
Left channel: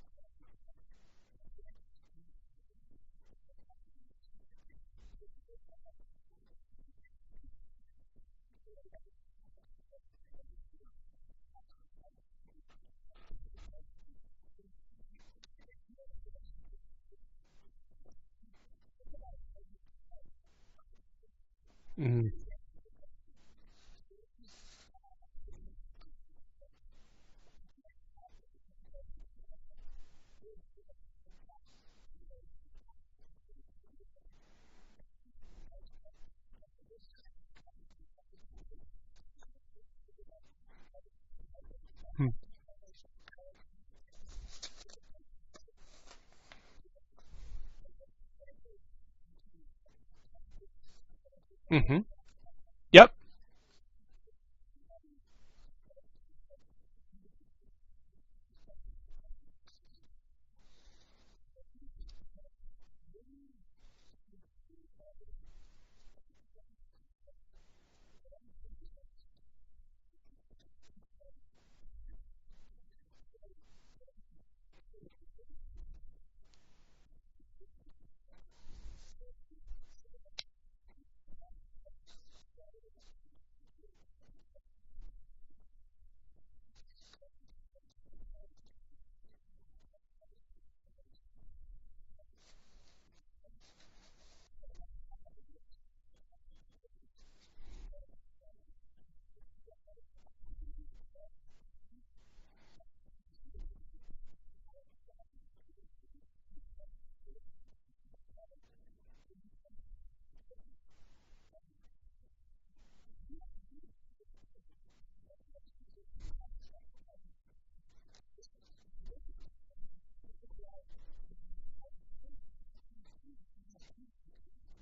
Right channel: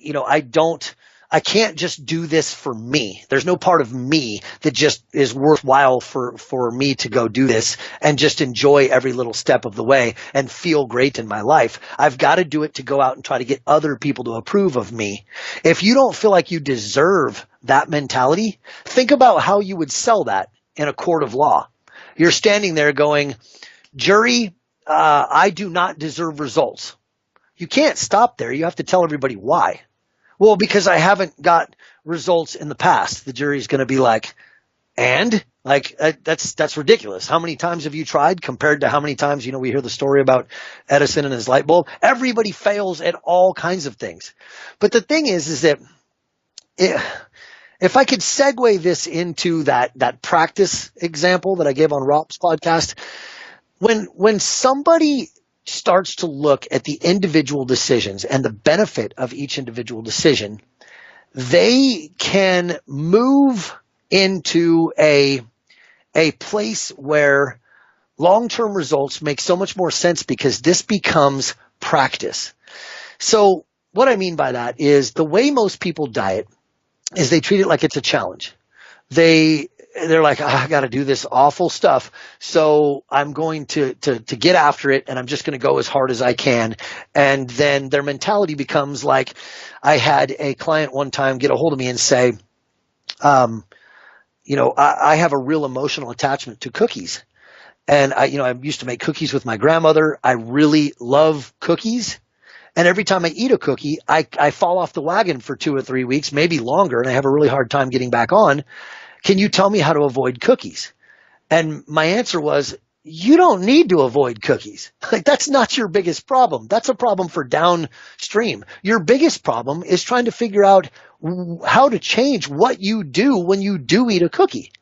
can't just do this for me. There's no part of me that just is worthwhile for me to go do this and just enjoy every little step of the way and feel great in my life. I've got to do it to go out and try to get other people to approve of me. If you don't feel like you deserve that mentality, think about how you would sell that in a court of law. Mm-hmm. You're standing there going, jury, I do not deserve results. You can't stop there. You have to tell everybody why. Well, because I haven't got results in the past. The jury's going to be like, and? Like, that's ridiculous. How many times have you tried compared to how many times, we hear the story about Edison and his light bulb? Everybody fails at all kinds of things. But the thing is that if I could segue this into that practice example that I gave on Rob's podcast. Yep. When somebody starts to look at the individual decisions and the benefit of each individual decision, they can move into a place where long-term results make so much more sense because this becomes practice. So what I mean by that is the way most people diet is they treat it like it's a challenge. They're like, I got to do this awful stuff, so I'm going to get after it, and I'm just going to go as hard as I can. And then their mentality becomes like, I had a client one time get a hold of me and say, I have a real emotional attachment to cookies. And I used to make cookies with my grandmother. I really love cookies. And every time I eat a cookie, I fall off the wagon for 2 or 3 weeks, maybe longer, and I have a really hard time getting back on. Can you tell me how to avoid cookies? And my answer was, you don't need to avoid cookies. Like, that's not your biggest problem. That's a problem for downstream. Your biggest problem is trying to figure out how to change what you do when you do eat a cookie.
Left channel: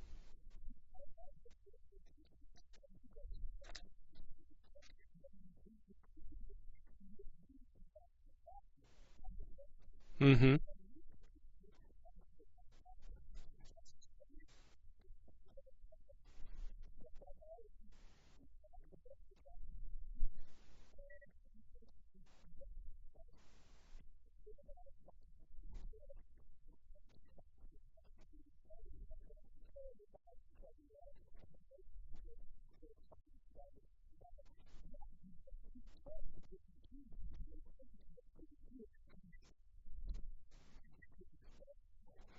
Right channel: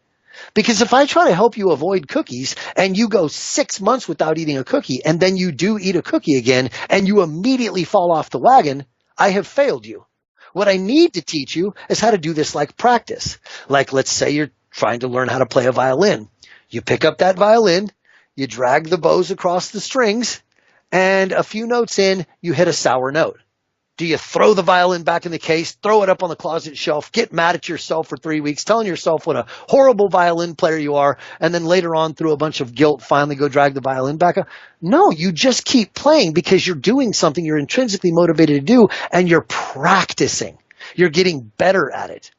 Because if I try to help you avoid cookies and you go 6 months without eating a cookie and then you do eat a cookie again and you immediately fall off the wagon, I have failed you. Mm-hmm. What I need to teach you is how to do this like practice. Like, let's say you're trying to learn how to play a violin. You pick up that violin, you drag the bows across the strings, and a few notes in, you hit a sour note. Do you throw the violin back in the case, throw it up on the closet shelf, get mad at yourself for 3 weeks, telling yourself what a horrible violin player you are, and then later on, through a bunch of guilt, finally go drag the violin back up? No, you just keep playing because you're doing something you're intrinsically motivated to do, and you're practicing. You're getting better at it.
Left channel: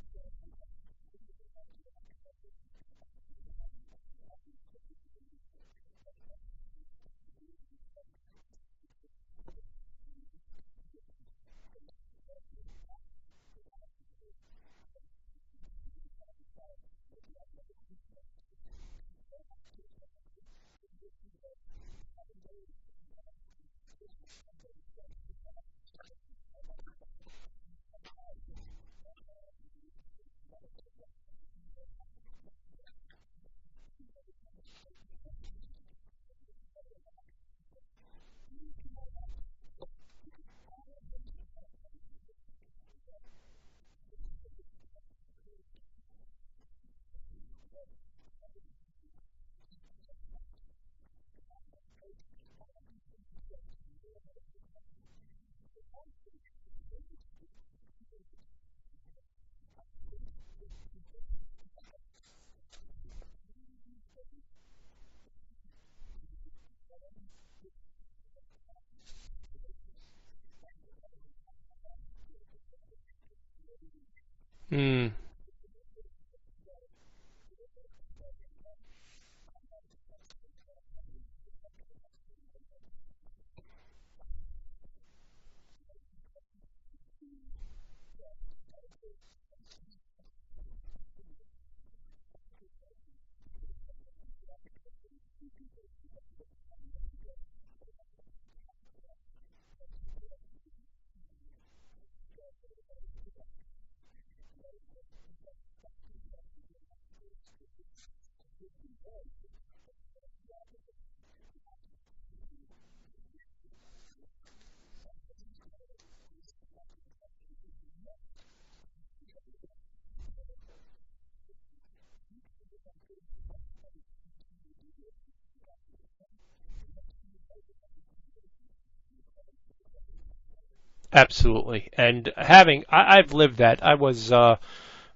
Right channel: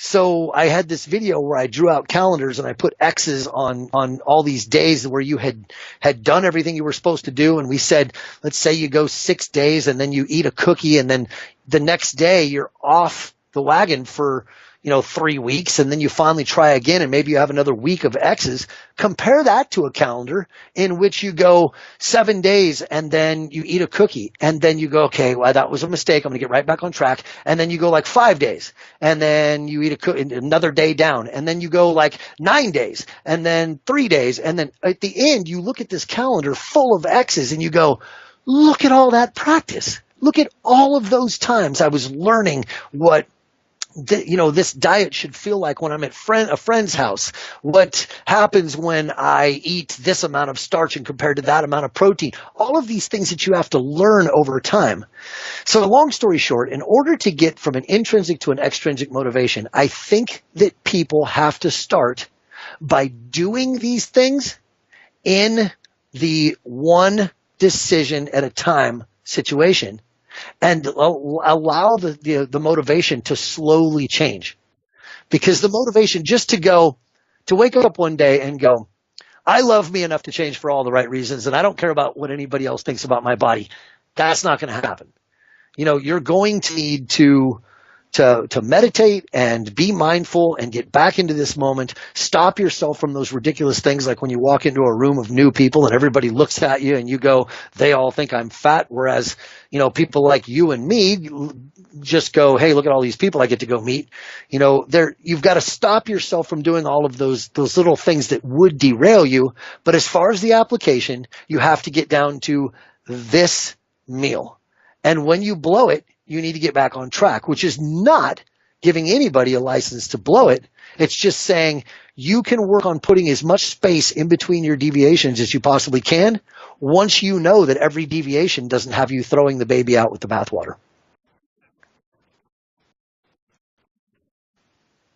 So I had this video where I drew out calendars and I put X's on all these days where you had done everything you were supposed to do. And we said, let's say you go 6 days and then you eat a cookie and then the next day you're off the wagon for 3 weeks, and then you finally try again, and maybe you have another week of X's. Compare that to a calendar in which you go 7 days and then you eat a cookie, and then you go, okay, well, that was a mistake. I'm going to get right back on track. And then you go like 5 days, and then you eat another day down, and then you go like 9 days, and then 3 days, and then at the end you look at this calendar full of X's and you go, look at all that practice. Look at all of those times I was learning what this diet should feel like when I'm at a friend's house. What happens when I eat this amount of starch and compared to that amount of protein? All of these things that you have to learn over time. So long story short, in order to get from an intrinsic to an extrinsic motivation, I think that people have to start by doing these things in the one decision at a time situation, and allow the motivation to slowly change. Because the motivation just to wake up one day and go, I love me enough to change for all the right reasons, and I don't care about what anybody else thinks about my body, that's not going to happen. You're going to need to meditate and be mindful and get back into this moment. Stop yourself from those ridiculous things like when you walk into a room of new people and everybody looks at you and you go, they all think I'm fat, whereas people like you and me just go, hey, look at all these people I get to go meet. You've got to stop yourself from doing all of those little things that would derail you. But as far as the application, you have to get down to this meal. And when you blow it, you need to get back on track, which is not giving anybody a license to blow it. It's just saying you can work on putting as much space in between your deviations as you possibly can once you know that every deviation doesn't have you throwing the baby out with the bathwater. Absolutely. And I've lived that. I was,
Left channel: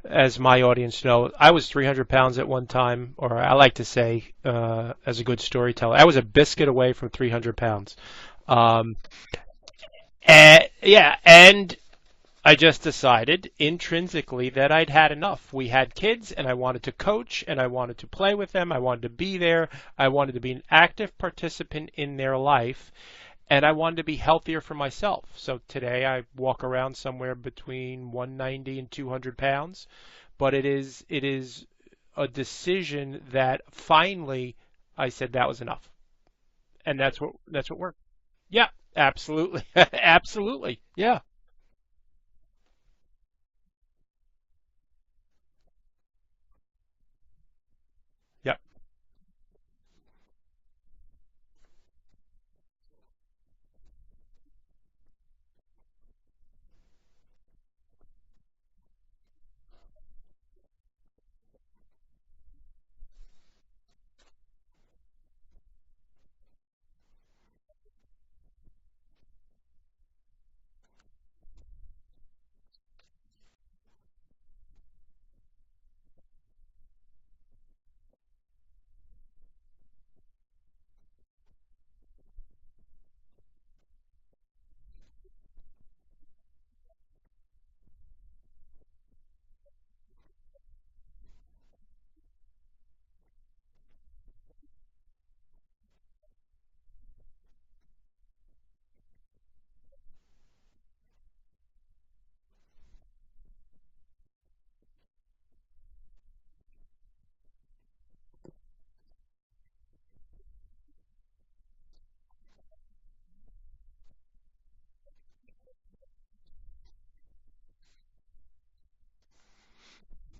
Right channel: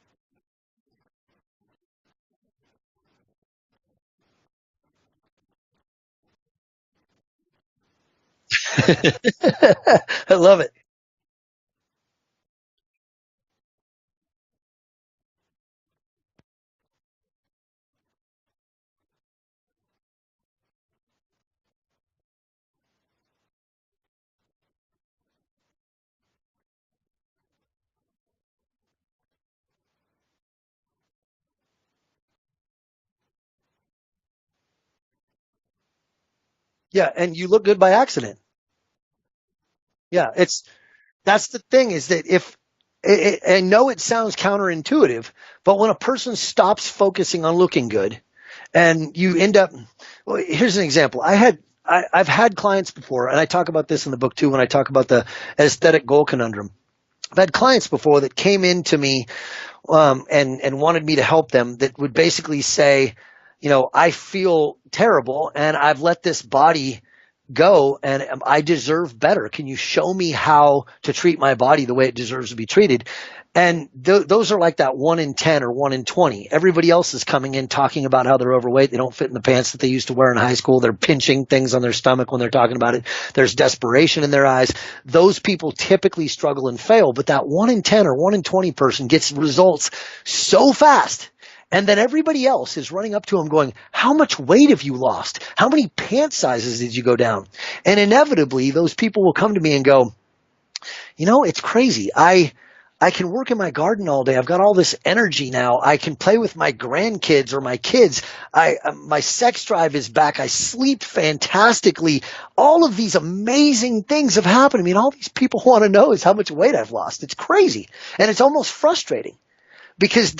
as my audience know, I was 300 pounds at one time, or I like to say, as a good storyteller, I was a biscuit away from 300 pounds. And I just decided intrinsically that I'd had enough. We had kids, and I wanted to coach, and I wanted to play with them. I wanted to be there. I wanted to be an active participant in their life, and I wanted to be healthier for myself. So today I walk around somewhere between 190 and 200 pounds, but it is a decision that finally I said that was enough. And you look good by accident. Yeah, absolutely. Absolutely. Yeah. That's the thing, is that I know it sounds counterintuitive, but when a person stops focusing on looking good, and you end up, well, here's an example. I I've had clients before, and I talk about this in the book too when I talk about the aesthetic goal conundrum. I've had clients before that came into me and wanted me to help them that would basically say, I feel terrible and I've let this body go and I deserve better. Can you show me how to treat my body the way it deserves to be treated? And those are like that 1 in 10 or 1 in 20. Everybody else is coming in talking about how they're overweight. They don't fit in the pants that they used to wear in high school. They're pinching things on their stomach when they're talking about it. There's desperation in their eyes. Those people typically struggle and fail, but that 1 in 10 or 1 in 20 person gets results so fast. And then everybody else is running up to them going, how much weight have you lost? How many pant sizes did you go down? And inevitably, those people will come to me and go, it's crazy. I can work in my garden all day. I've got all this energy now. I can play with my grandkids or my kids. My sex drive is back. I sleep fantastically. All of these amazing things have happened to me. And all these people want to know is how much weight I've lost. It's crazy. And it's almost frustrating because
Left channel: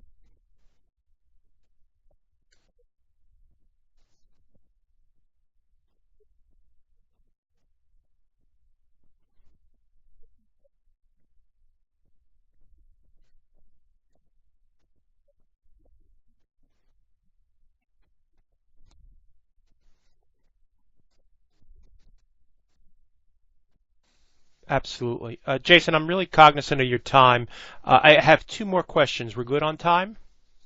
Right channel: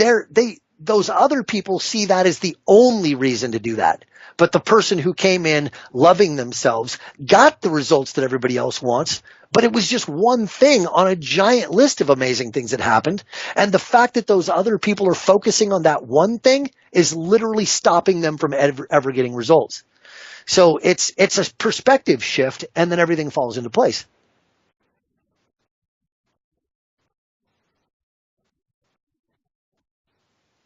those other people see that as the only reason to do that. But the person who came in loving themselves got the results that everybody else wants, but it was just one thing on a giant list of amazing things that happened. And the fact that those other people are focusing on that one thing is literally stopping them from ever getting results. So it's a perspective shift, and then everything falls into place. Absolutely. Jason, I'm really cognizant of your time. I have 2 more questions. We're good on time?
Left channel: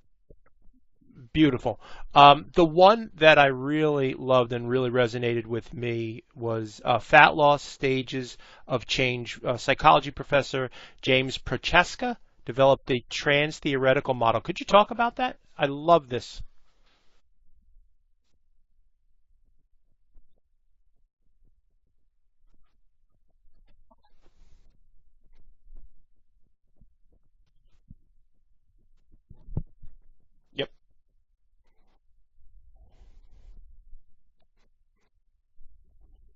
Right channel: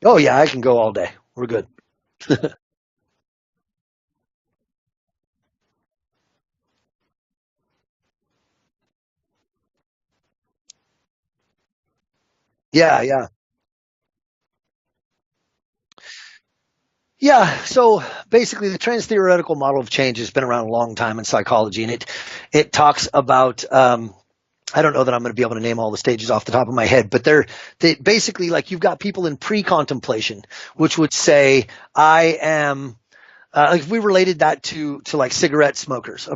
Oh, yeah, I can go all day. Beautiful. The one that I really loved and really resonated with me was Fat Loss Stages of Change. Psychology professor James Prochaska developed a trans-theoretical model. Could you talk about that? I love this. Yeah, so basically the trans-theoretical model of change has been around a long time in psychology, and it talks about I don't know that I'm going to be able to name all the stages off the top of my head, but they basically, like, you've got people in pre-contemplation, which would say, I am, like if we related that to like cigarette smokers,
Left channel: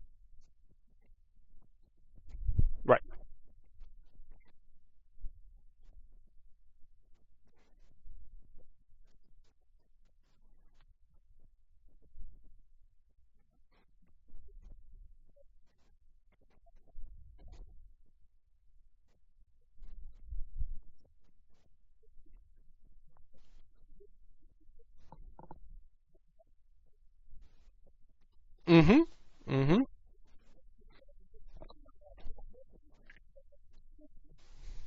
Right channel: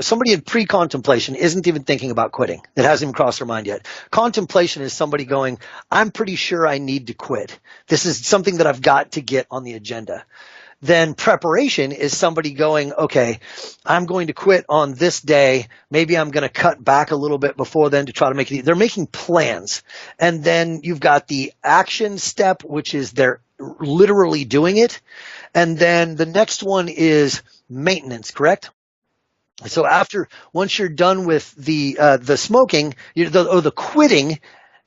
somebody in pre-contemplation isn't even thinking about quitting. It hasn't even crossed their mind yet. Contemplation is somebody going, I'm pretty sure I need to quit. This is something that I've got to get on the agenda. Then preparation is somebody going, okay, I'm going to quit on this day. Maybe I'm going to cut back a little bit before then to try to make it. They're making plans. And then you've got the action step, which is they're literally doing it. And then the next one is maintenance, correct? Mm-hmm. Mm-hmm. So once you're done with the smoking, the quitting,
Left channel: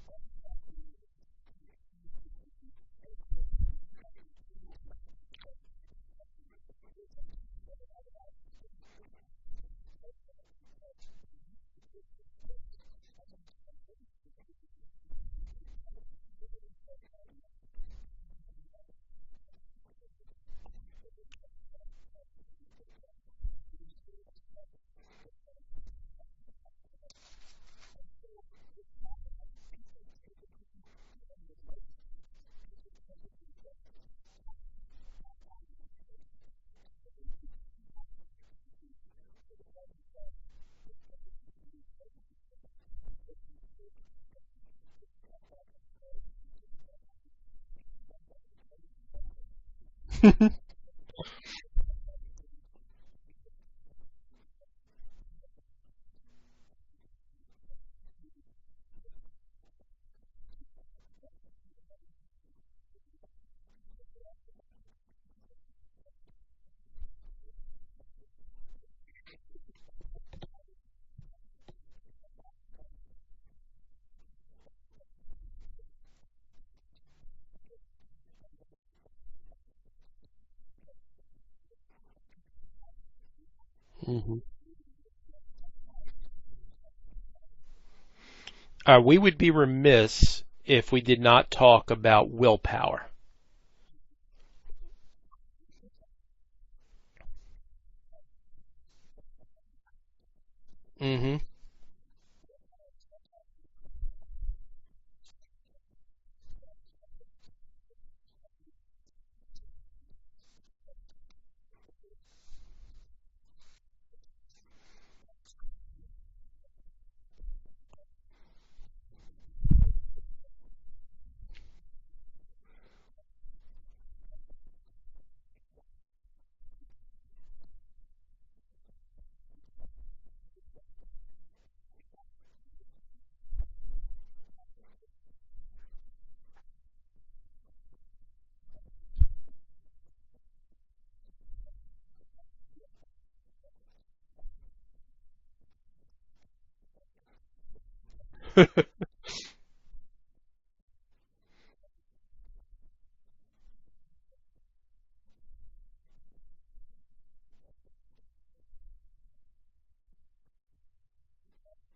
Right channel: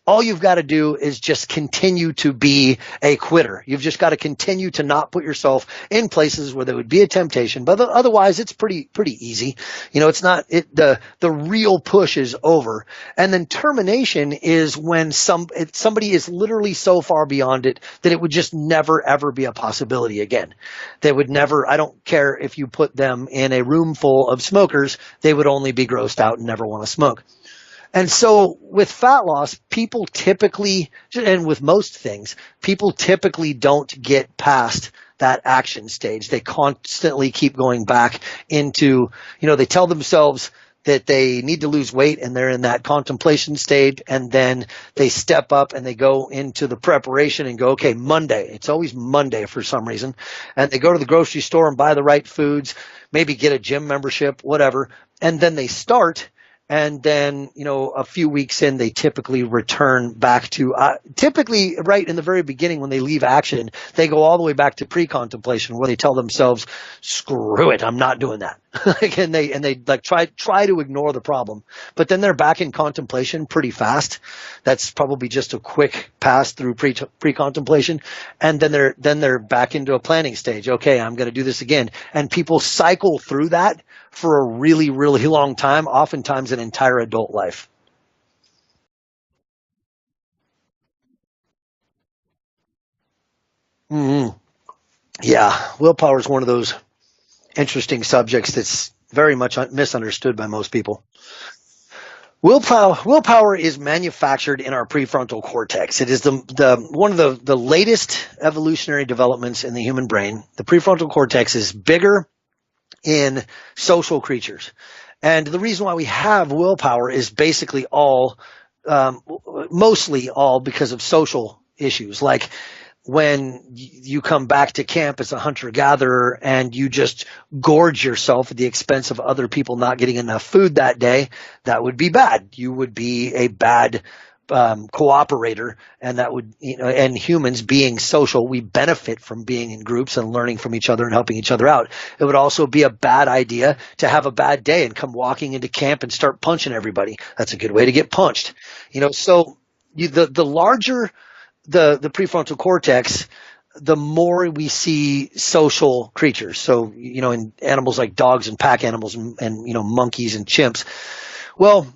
all you've got to do is just continue to be a quitter. You've just got to continue to not put yourself in places where there would be a temptation. But otherwise, it's pretty easy. It's not the real push is over. And then termination is when somebody is literally so far beyond it that it would just never ever be a possibility again. They would never. I don't care if you put them in a room full of smokers; they would only be grossed out and never want to smoke. And so with fat loss, people typically, and with most things, people typically don't get past that action stage. They constantly keep going back into, they tell themselves that they need to lose weight and they're in that contemplation stage, and then they step up and they go into the preparation and go, okay, Monday. It's always Monday for some reason. And they go to the grocery store and buy the right foods, maybe get a gym membership, whatever. And then they start. And then, a few weeks in, they typically return back to typically right in the very beginning when they leave action, they go all the way back to pre-contemplation where they tell themselves, screw it, I'm not doing that. and they like try to ignore the problem. But then they're back in contemplation pretty fast. That's probably just a quick pass through pre-contemplation. And then they're back into a planning stage. Okay, I'm going to do this again. And people cycle through that for a really, really long time, oftentimes an entire adult life. We would be remiss if we did not talk about willpower. Mm-hmm. Yeah, willpower is one of those interesting subjects that's very much misunderstood by most people. Mm-hmm. Willpower is manufactured in our prefrontal cortex. It is one of the latest evolutionary developments in the human brain. The prefrontal cortex is bigger in social creatures. And the reason why we have willpower is basically mostly all because of social issues. Like when you come back to camp as a hunter-gatherer and you just gorge yourself at the expense of other people not getting enough food that day, that would be bad. You would be a bad cooperator, and that would, and humans being social, we benefit from being in groups and learning from each other and helping each other out. It would also be a bad idea to have a bad day and come walking into camp and start punching everybody. That's a good way to get punched. So the larger the prefrontal cortex, the more we see social creatures. So, in animals like dogs and pack animals and monkeys and chimps. Well,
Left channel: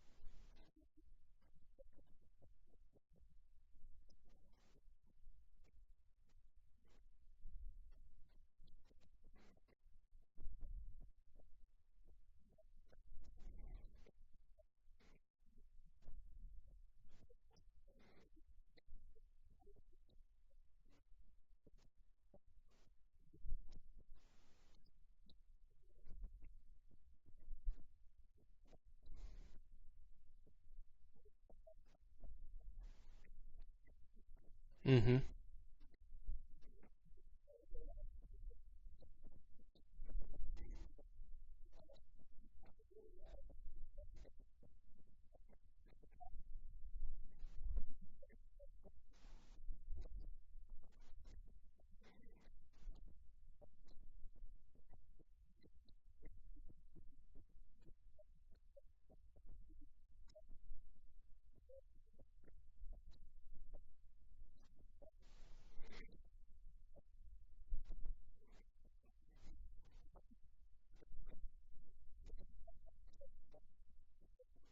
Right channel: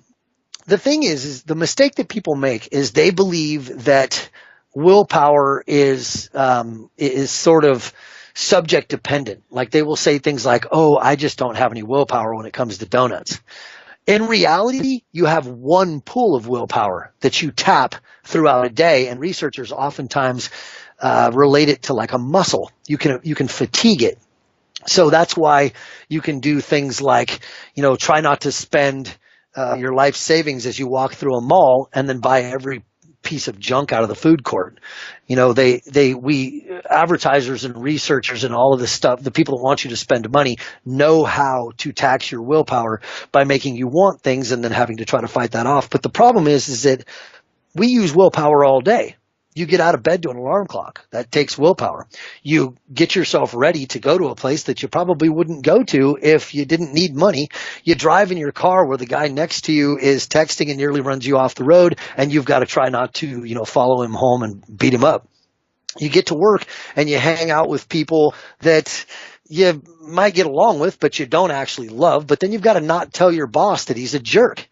the thing is the mistake that people make is they believe that willpower is sort of subject dependent. Like they will say things like, "Oh, I just don't have any willpower when it comes to donuts." In reality, you have one pool of willpower that you tap throughout a day, and researchers oftentimes relate it to like a muscle. You can fatigue it. So that's why you can do things like, try not to spend your life savings as you walk through a mall and then buy every piece of junk out of the food court. Mm-hmm. We advertisers and researchers and all of this stuff, the people that want you to spend money know how to tax your willpower by making you want things and then having to try to fight that off. But the problem is that we use willpower all day. You get out of bed to an alarm clock. That takes willpower. You get yourself ready to go to a place that you probably wouldn't go to if you didn't need money. You drive in your car where the guy next to you is texting and nearly runs you off the road, and you've got to try not to, follow him home and beat him up. You get to work and you hang out with people that you might get along with, but you don't actually love. But then you've got to not tell your boss that he's a jerk.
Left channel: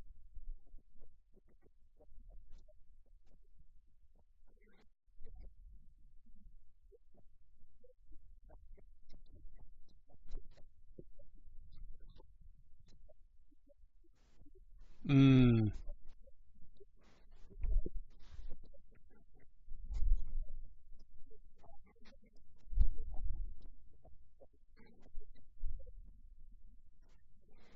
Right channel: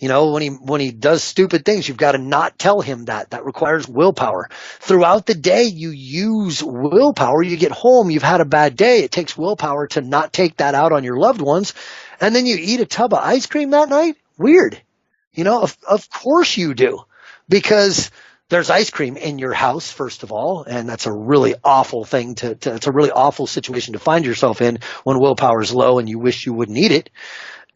When he does stupid things, you've got to not tell him that. That requires willpower. Throughout the day, you use willpower. You get home, you've had a bad day. It takes willpower to not take that out on your loved ones. And then you eat a tub of ice cream that night? Weird. Of course you do. Because there's ice cream in your house, first of all, and that's a really awful thing it's a really awful situation to find yourself in when willpower is low and you wish you wouldn't eat it.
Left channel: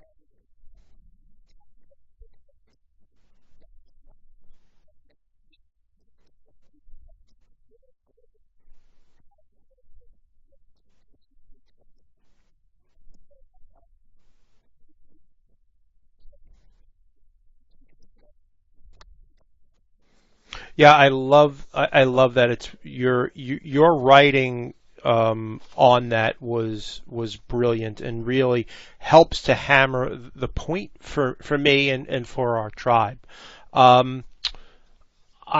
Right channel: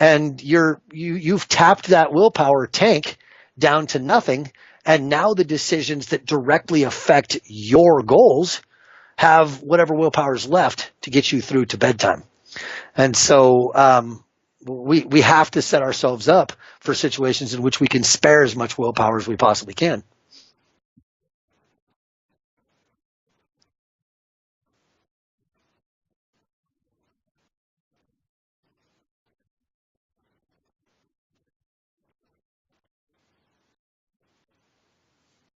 And you've tapped that willpower tank down to nothing, and now the decisions that directly affect your goals have whatever willpower is left to get you through to bedtime. And so we have to set ourselves up for situations in which we can spare as much willpower as we possibly can. Yeah, I love that. It's your writing on that was brilliant and really helps to hammer the point for me and for our tribe. I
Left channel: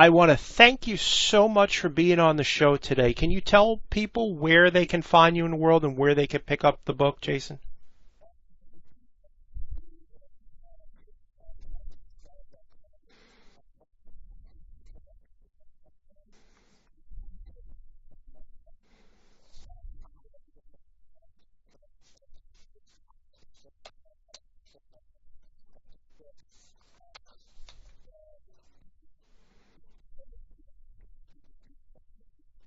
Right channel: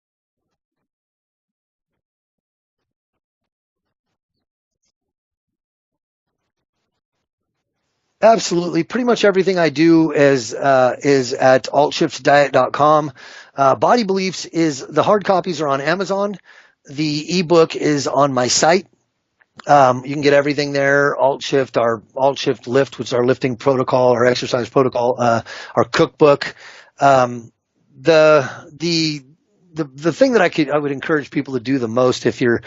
want to thank you so much for being on the show today. Can you tell people where they can find you in the world and where they can pick up the book, Jason? Absolutely. Pretty much everything I do is at AltShiftDiet.com. Body Beliefs the hard copies are on Amazon. The ebook is on my site. You can get everything there. AltShift, our AltShift Lift, which is our lifting protocol, our exercise protocol, our cookbook. The thing that I would encourage people to do the most if you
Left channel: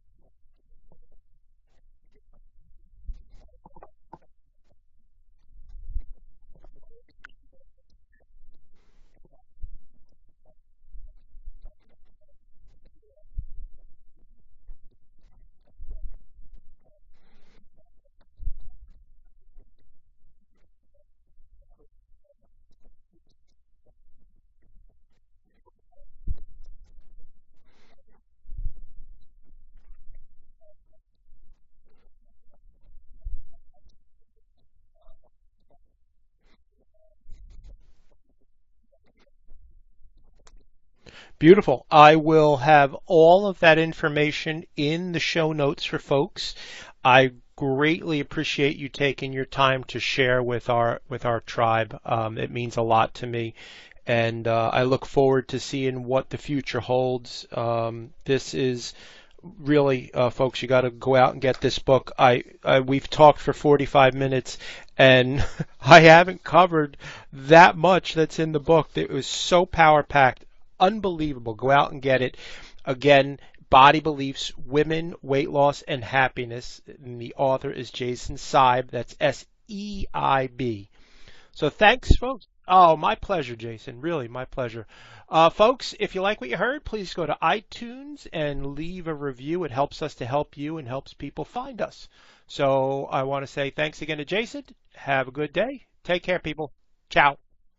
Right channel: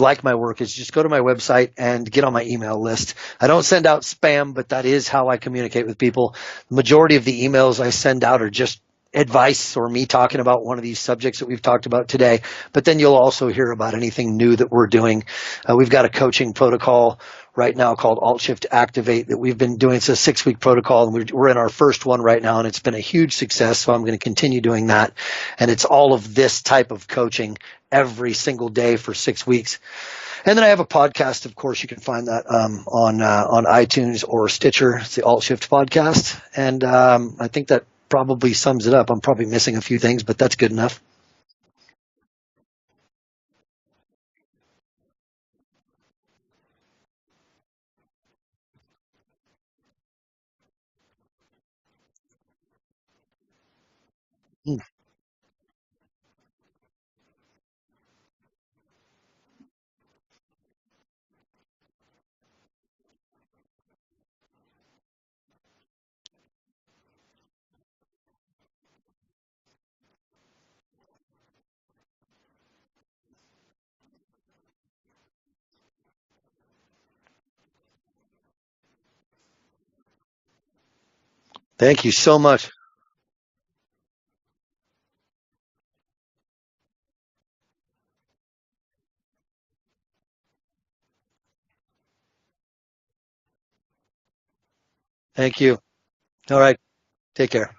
like my work is just go to my website and get on my email list. I don't send out spam, but that is how I communicate with people. The majority of the emails I send out are just advice or me talking about one of these subjects that we've talked about today. But then you'll also hear about anything new that we're doing. We've got a coaching protocol right now called AltShift Activate that we've been doing. It's a 6-week protocol, and we're in our first one right now, and it's been a huge success. So I'm going to continue doing that. And it's all of this type of coaching every single day for 6 weeks. And then I have a podcast. Of course, you can find that on iTunes or Stitcher. It's the AltShift Podcast. And I think that probably sums it up. I'm probably missing a few things, but that's good enough. Beautiful. I will have all of that information in the show notes for folks. I greatly appreciate you taking your time to share with our tribe. It means a lot to me, and I look forward to seeing what the future holds. This is really, folks, you got to go out and get this book. We've talked for 45 minutes, and I haven't covered that much that's in the book. It was so power-packed, unbelievable. Go out and get it. Again, Body Beliefs, Women, Weight Loss, and Happiness. And the author is Jason Seib. That's Seib. So thank you so much. Oh, my pleasure, Jason. Really, my pleasure. Folks, if you like what you heard, please go to iTunes and leave a review. It helps us to help you and helps people find us. So I want to say thanks again to Jason. Have a good day. Thank you. Take care, people. All right. Ciao. Take care.